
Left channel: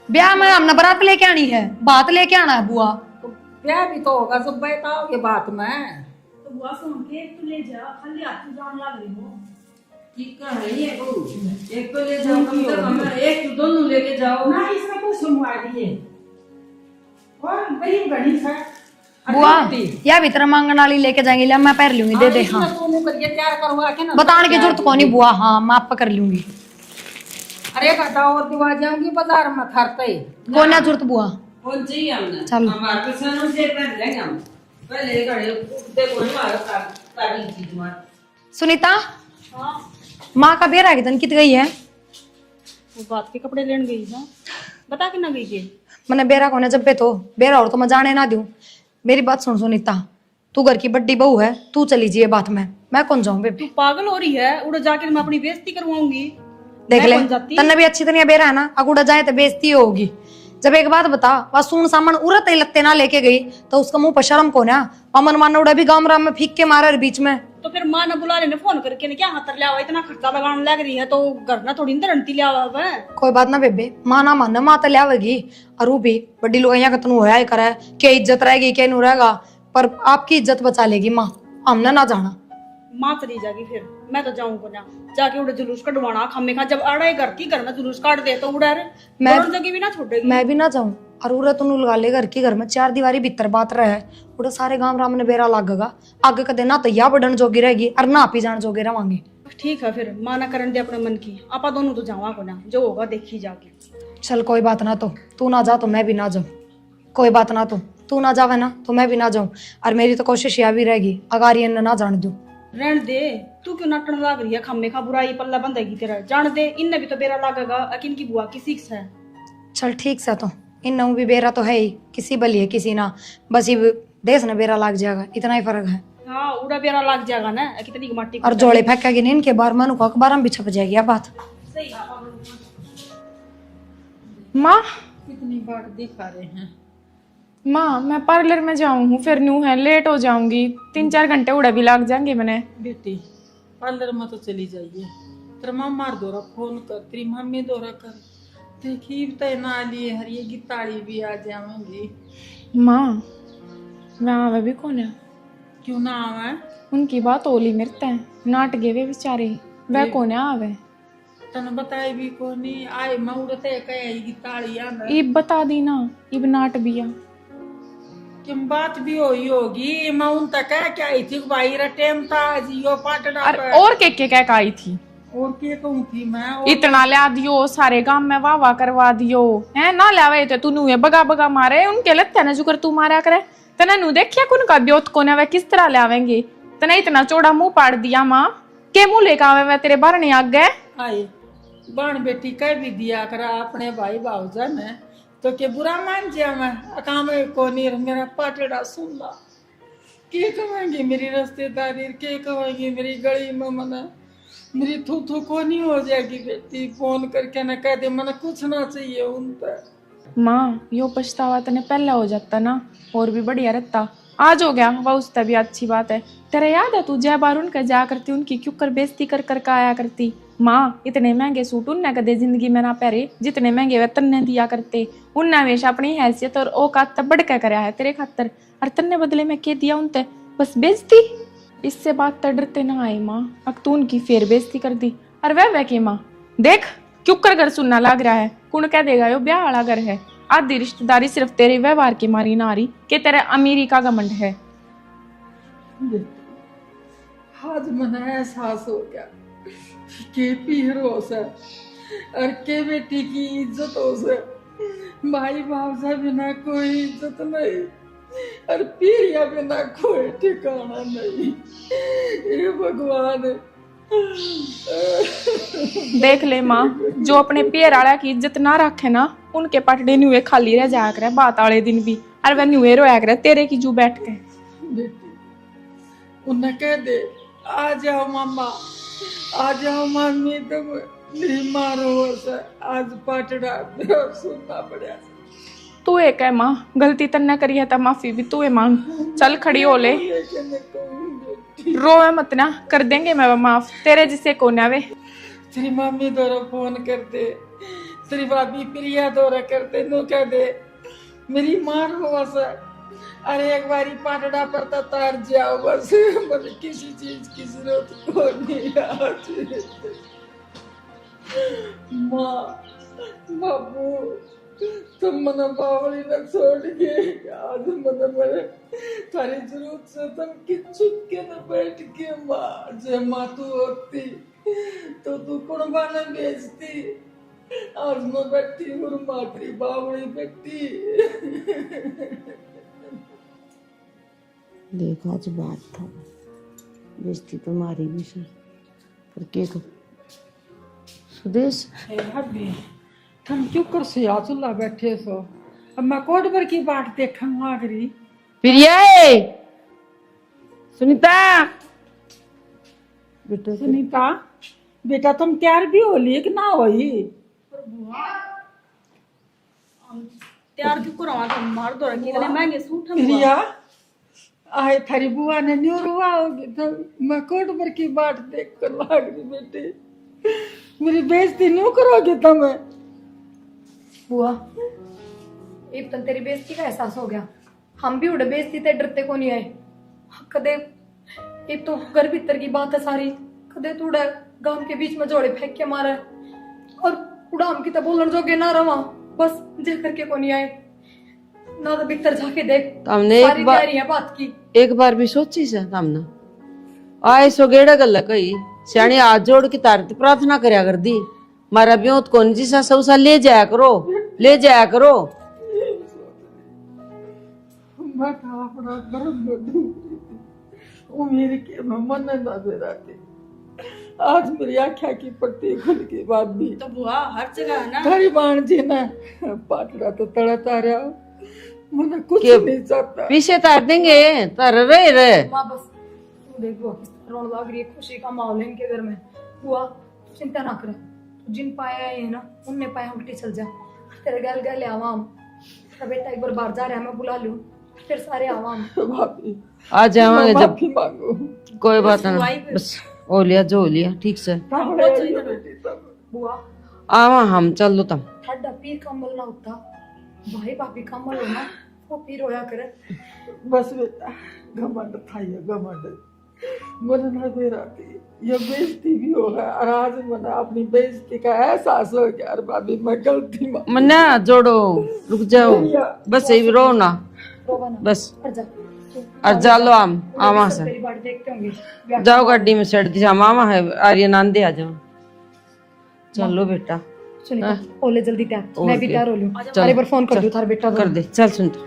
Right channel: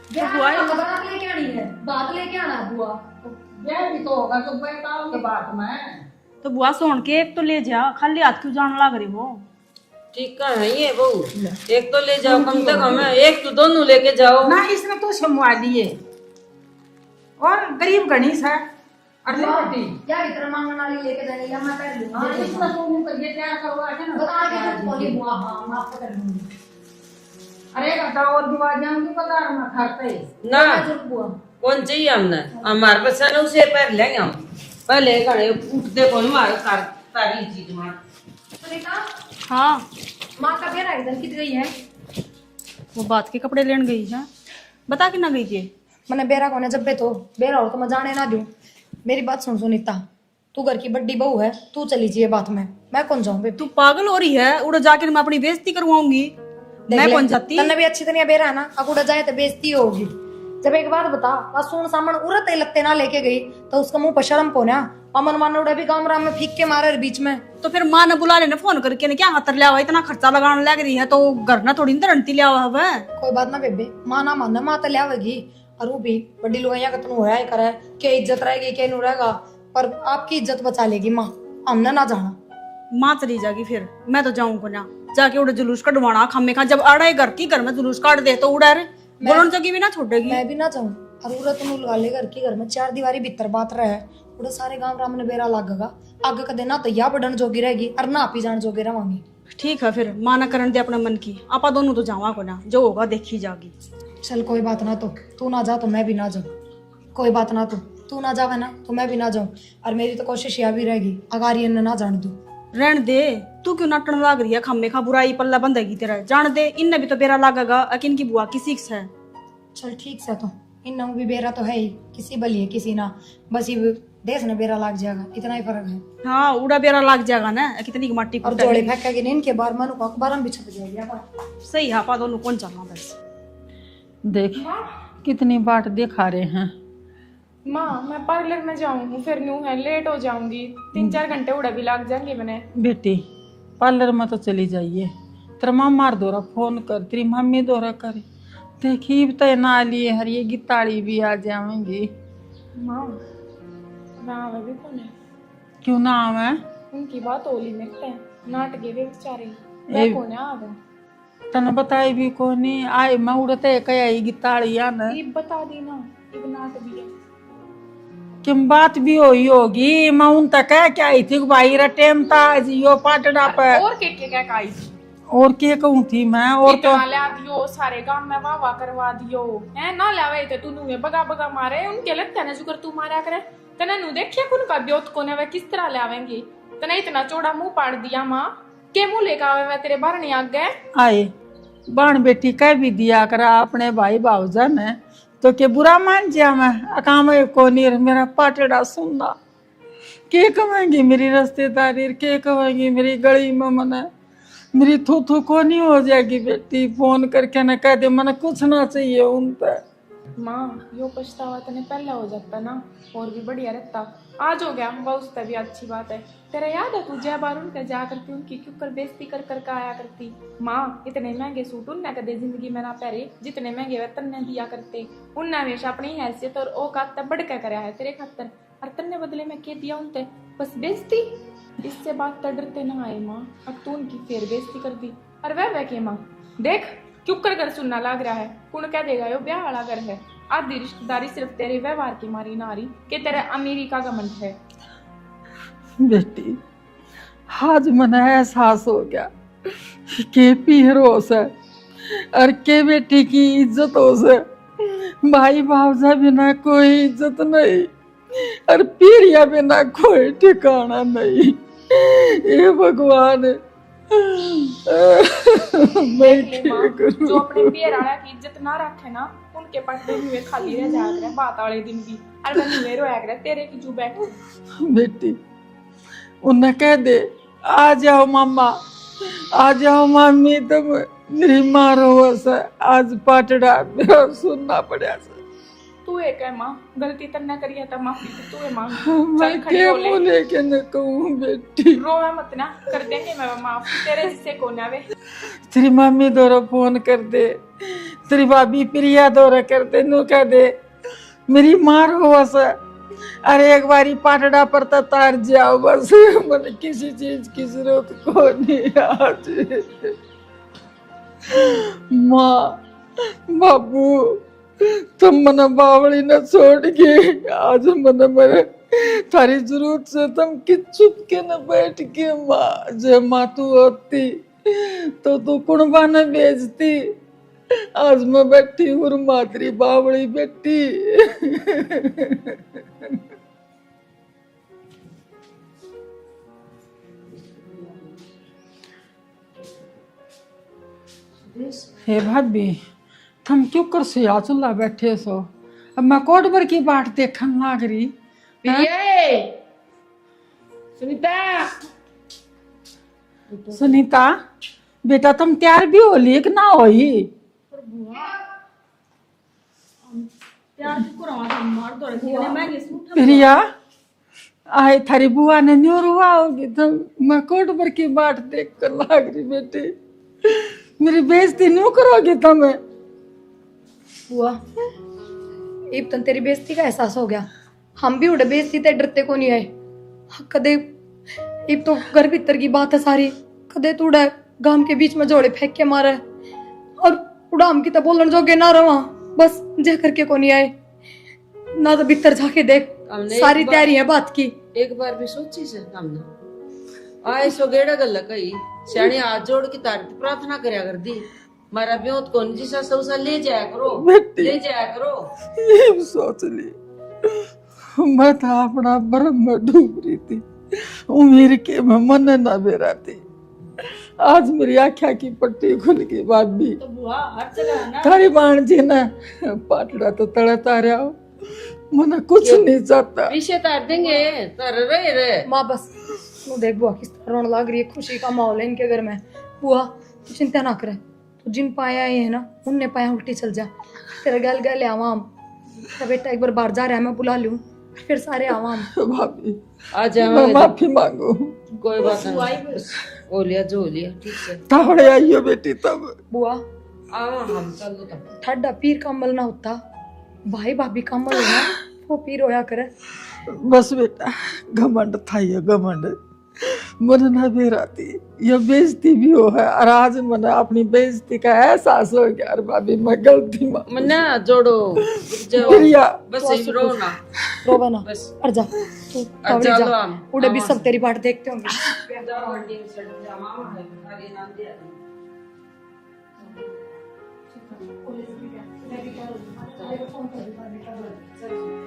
ब्याह में हमने बारात लेके आनी है, बात लेके आना है बुआ। तो ब्याह भी तो होगा, सब बताओगे बात में। तो बुआ सोन के एक तो ले जा, खाली हाथ क्यों जाने लग रहे हो? ठीक है ये बहू, एक तो ले जाओ कम से कम, एक तो दोनों लेके जाओ ना इसने तो शमुआ लिए, और गरीब गणेश है। और बुआ बेटी, या भीतर मांगने वाली लेके जाएंगे, ले मैं पैर लूंगी, दे दे। इसने हाँ तो मुंह करके तैयार करवा के ना बताने की जरूरत को नहीं बुआ, हाँ मैं आप कर लूंगी। अरे बताओ दिवा जाऊंगी बाजार में खरते कोई ना जरूरत बुआ, कौन चाहिए हमने चल। हमारे पास है ना उसे पैर लेंगे हम पहले खड़े उठते कौन मार कर तारी चीज मार सुनीता, हाँ माँ का बेरा कितन कित गई है? वो बात के कपड़े लेने गई है, बता के ना गई के। मैंने बेरा कोने जब पे तो बेरा और तो मैं जाने ना दूं। मेरी बात सुन सुनीता, तू घर की बड्डी बहू है, तू चली जी बात में, मैं कौन जाऊं बेबी? तू पागल हो रही है, उड़ जाकर मैं अपनी बेइज्जती करवाऊंगी। देख मैं ले, कौन जाती? तन्ने भी अच्छी तरह बेरा है ना, अगुड़ा जाए तो बेइज्जती होगी। जब एक बात बता, वह सुन सामन उरत लत्ते ना लेके गई तो उसका मुंह पर शर्म को ना, अमन माना उड़ा भी गांव राम में फीक के मारा बीच में। तो फिर माँ ने बुला लेने फोन करके ने क्या हाथ लिया हुआ, इतना खर्चा लगाने लग रही है तो घर ना थोड़ी रंटी लिया हुआ है। कोई बात ना बेबे, माँ ना मानना माँ तो लियावेगी। और वो भी बड़ी लुगाइया कतन होया ही करे, क्या इज्जत रहेगी क्या नहीं रहेगा, पर आपकी इज्जत बचा लेगी माँ, हमने ना जाना। माँ चली जाएगी फिर मैं तो जाऊंगा ना, जाके उड़े जुलूस कटवाना खामे खा। जब अड़ा घर की घर में जुलूस काट दे तो उड़ा मैं जगह भी ना छोड़ेगी। मैं भी ना जाऊं। और उरा तुम लगा ले घर की घर में चार दीवारी भीतर बात रहे है, उड़ा सारे गांव राम ने बेरा लागेगा, आगे कदे ना तो या बढ़न जोगी रहेगी और ना पी जान जोगी रवांगे। ठीक है फिर माँ ना करन दे अपने मन की, आपा दोनों तो जावा को ना, जो होगा देखी जागी। चल कोई बात ना, तो तू ना जा तो मैं भी ना जाऊं। कोई बात ना, तो तू ना जावे ना तो मैं भी ना जाऊं। और मेरी तो कोशिश यह भी रहेगी अगर ये ना जान दू। रहन दे, तू क्यों नाटन लाग रही है, खम्मे खा बुराई पल्ला बंधेगी तेरा। जान दे, इनने भी तो बेरा लागेगा, अकिन की बुआ की सीख है। चल ठीक सा, तो इन भी बेरा तो है ही, किसी बली है किसी ना, बस ये देश ने बेरा लाग जाएगा, इतना ही फर्क है। हाँ उड़ा बेरा लाग जाएगा ना, कितनी की माटी और जोड़े फेंकेगी नींद के बार मनु को अखबार में भी छप जाएगी ये बात। सही है, आपा दोनों कौन जाना बस। देख माँ कितनी बाट दिखा रहे हैं। माँ मैं पार्लर में जाऊँ फिर न्यू है, लेट हो जाऊंगी, 3-4 घंटे उड़ा भी लाग जाएंगे मैंने। बेटी पार्लर में तो चली जाइए, तेरा मामार दोरा फोन कर, तेरी मम्मी दोरा करे, देखी तय ना लिए हर ये गिताड़ी भी आ जाएंगी। माँ मैं आवे भी कौन है? क्यों ना आवे? उनकी बात ओली मिरते हैं, नाट गे वे बेचारे, वह कौन है आवे? तने बताई भी कोनी आई मैं उड़ते कई गिताड़िया ने इब बता दी ना, इब नाट बिया किम बात भी होई होगी। मैं उन तक क्या आई थी भाई रा टेम था जियो पाटड़ा पे और के क्या आई थी, और के कहूं थी मैं, और इतना ला दियो सारे गांव में वाह वाह करवा दियो है ना, लावे तो तू नुए बगा बगा मारे उनके लगता ना जुकर तू मारा करे। तना नु देखिया कौन का ब्योत कोने वे किस तरह लावेंगे, तना इतना चौड़ा मुंह पाड़ दिया माँ के मुंह लेकर आवे वे तेरे बाहर नहीं आ गए। आए बाण बेटी कह भी दिया करा अपने भाई भावजा में, तो के बुरा मान जा मैं अकाम कोनी मेरा पाटड़ा सुनना के कहेंगी मेरी रिश्तेदारी, के कहेंगी मेरी गली में मने मेरी थू थू कोनी हो जाएगी। बेटी फोन करके ना कह दे मने कुछ ना चाहिए उन पर। माँ यो पछतावा तने पहला हो जाता ना, और भी बढ़िया रहता। आज हो गया वह उससे भी अच्छी बात है। तेरे याद है तू जय बार उनका जा करती, उनकी क्यों कर बेइज्जती कर कर आया करती। माँ इतने महंगे सूट उनने कदे जिंदगी में ना पहरे, जितने महंगे वे तन्ने दिया करते। उनने हमेशा अपनी हैसियत और औकात बढ़ के कराया है तेरे खातर, और तन्ने बदले में के दिया उनते, बस बेइज्जती। इससे बात तो डरते ना आए माँ, अब तू उनकी फिर बेइज्जती कर दी। और वह के माँ देख क्यों कर घर सुनना लग रहा है, कौन कह देगा यो ब्याह वाला घर है। आधी रिश्तेदारी सिर्फ तेरे व्यवहार की मारी ना आ रही कि तेरे अमीरी का घमंड है। बेटी आज मने एहसास हो गया के पीर हो से और के बेटी की इज्जत हो से, भाई भावजा बिना कोई इज्जत नहीं और पीरिया बिना कोई ठिकाना नहीं। ये भगवान देख ले माँ, जो अपने पेड़ आड़ा की इज्जत ना रखे ना, उनके पटड़े नुए खाली रह जाया करे बात वाले दिन भी, और वह नुए रोया करे तेरे की जू बैठ के। बेटी उन्हें कह दे आ जाओ मामा, आ जाओ मामी, तुम मेरी माँ रो से आज पाटड़ा सुनना पड़ा। तू एक है माँ, गलती तन्ने करी है तो माफी भी तू है मांग। चल खड़ी हो ले, बेटी रोवे मत ना, कर देंगे मैं माफ, तेरे जिसे कोने वे। तेरी मम्मी दोरा फोन कर दे, तेरी भाभी प्रिया दोरा कर दे, नु कह दे मेरी माँ रो से अरे एक बारी पाटड़ा पर तो तार जाओ बस, मुझे किसी चीज की जरूरत को नहीं आज। माँ बाबू तुम मना बावड़ी न छोड़ के आज मन मेरे थारी जरूरत से तुम कि चुप के न बैठ के माँ, जय माँ तू होती तो तू कुणबा न बेचती, आज मैं बैठी हूँ और मातरी बावड़ी बेटी। देख आज बात था, बेइज्जती तो मारी भी सही, पर के को सुदेश हे भाभी, तुम क्यों कर सिया चुल्ला बैठे सो? अब मैं कोट भर की बाट देखन लाग रही। प्रिया, सुनीता, सुनीता बेटा तुम तैयार भी हो लिए कि ना होई? तैयार क्यों करवा तुम मार दो रखी गले महंगे सूट प्रिया, आए थारी बुआ ने न्यूर हुआ होगी तुम, मैं कोट भर की बाट देख कर लाग रही बेटी, मेरी बेइज्जती नहीं करोगी तुम्हें? बुआ एक तन तेरी बेइज्जती का एहसास हो गया, हम भी उड़े बेइज्जती ते डरते को नहीं आए। कदे एक तो घर भीतर की बात है सारी, कदे तो उड़ा गांव के बीच में जोड़े फेंक के मारा है, और उड़ा हम की तो बोलन जोगे ना रहा, बस जे करके को नहीं आए ना, तो भीतर जाके देख हमने सारी तैयारी है बात की। एक बार भी सोची से हमने आए सो गेड़ा गल कही सियाणी हाथ जोड़ के तारती प्रार्थना करया कर दी, मारा ब्योत कौन जी सा सौसा ले जाया करो, ले जाया करो। ये सोच ली मैं तो अपना भरम में डूब रही थी, उम्र के मैं मन ना बेरा थी, आज मेरी आँखा की पट्टी खुल गई। बात भी तो बुआ हर जगह है ना। थारी बाण जी ने पाटड़ा तो तड़ा तारा हो, मना कुछ नहीं चाहता। पीछे तार देंगे तार रहे रहे। माँ बस तू देख बुआ किस तरह रोने लग रही है, खुशी का माहौल है इनके घर में। बुआ तू चिंता ना करे, तू जिन पाया ये है ना उनने पाया उल्टी चल जा, तेरे गल गल आवाम तेरा बेटा एक बार बाहर जा रहा है, मैं बुला लूं फिर सारे आवाम। भाभी आ जाओगे जब, माफी मांगो, कोई बात नहीं, बस हो लिया जो हो लिया ठीक से। तावड़े आइयो बेटी तब बुआ आवा हम चल लो तम। ठड्डा पीर का अमल ना होता, भाई भाभी का अमल होना, वो पीर होया करे। बस बेटा घमंड था ये घमंड, मन ना बेराती ये बेइज्जती भी हो है, और आज मन अपनी बेइज्जती का एहसास हो गया। और भाभी मैं गलती मा मन्ना जोड़ो रुक जाओ, प्रिया बस यही रो ना, रोबा ना बस और जा और चलो हम उड़े भी आवा सब से तेरी बाट देखते होंगे। जाओ गाड़ी में चढ़ दी, मामा है आर्यन आंदे आ जाओ। चलो बेटा सुनीता ओले जल्दी तैयार, मैं भी ओके। तैयार हो लूं। चल। अरे बार फोन कर दूं थारा बेटा कर दे, चल सुनता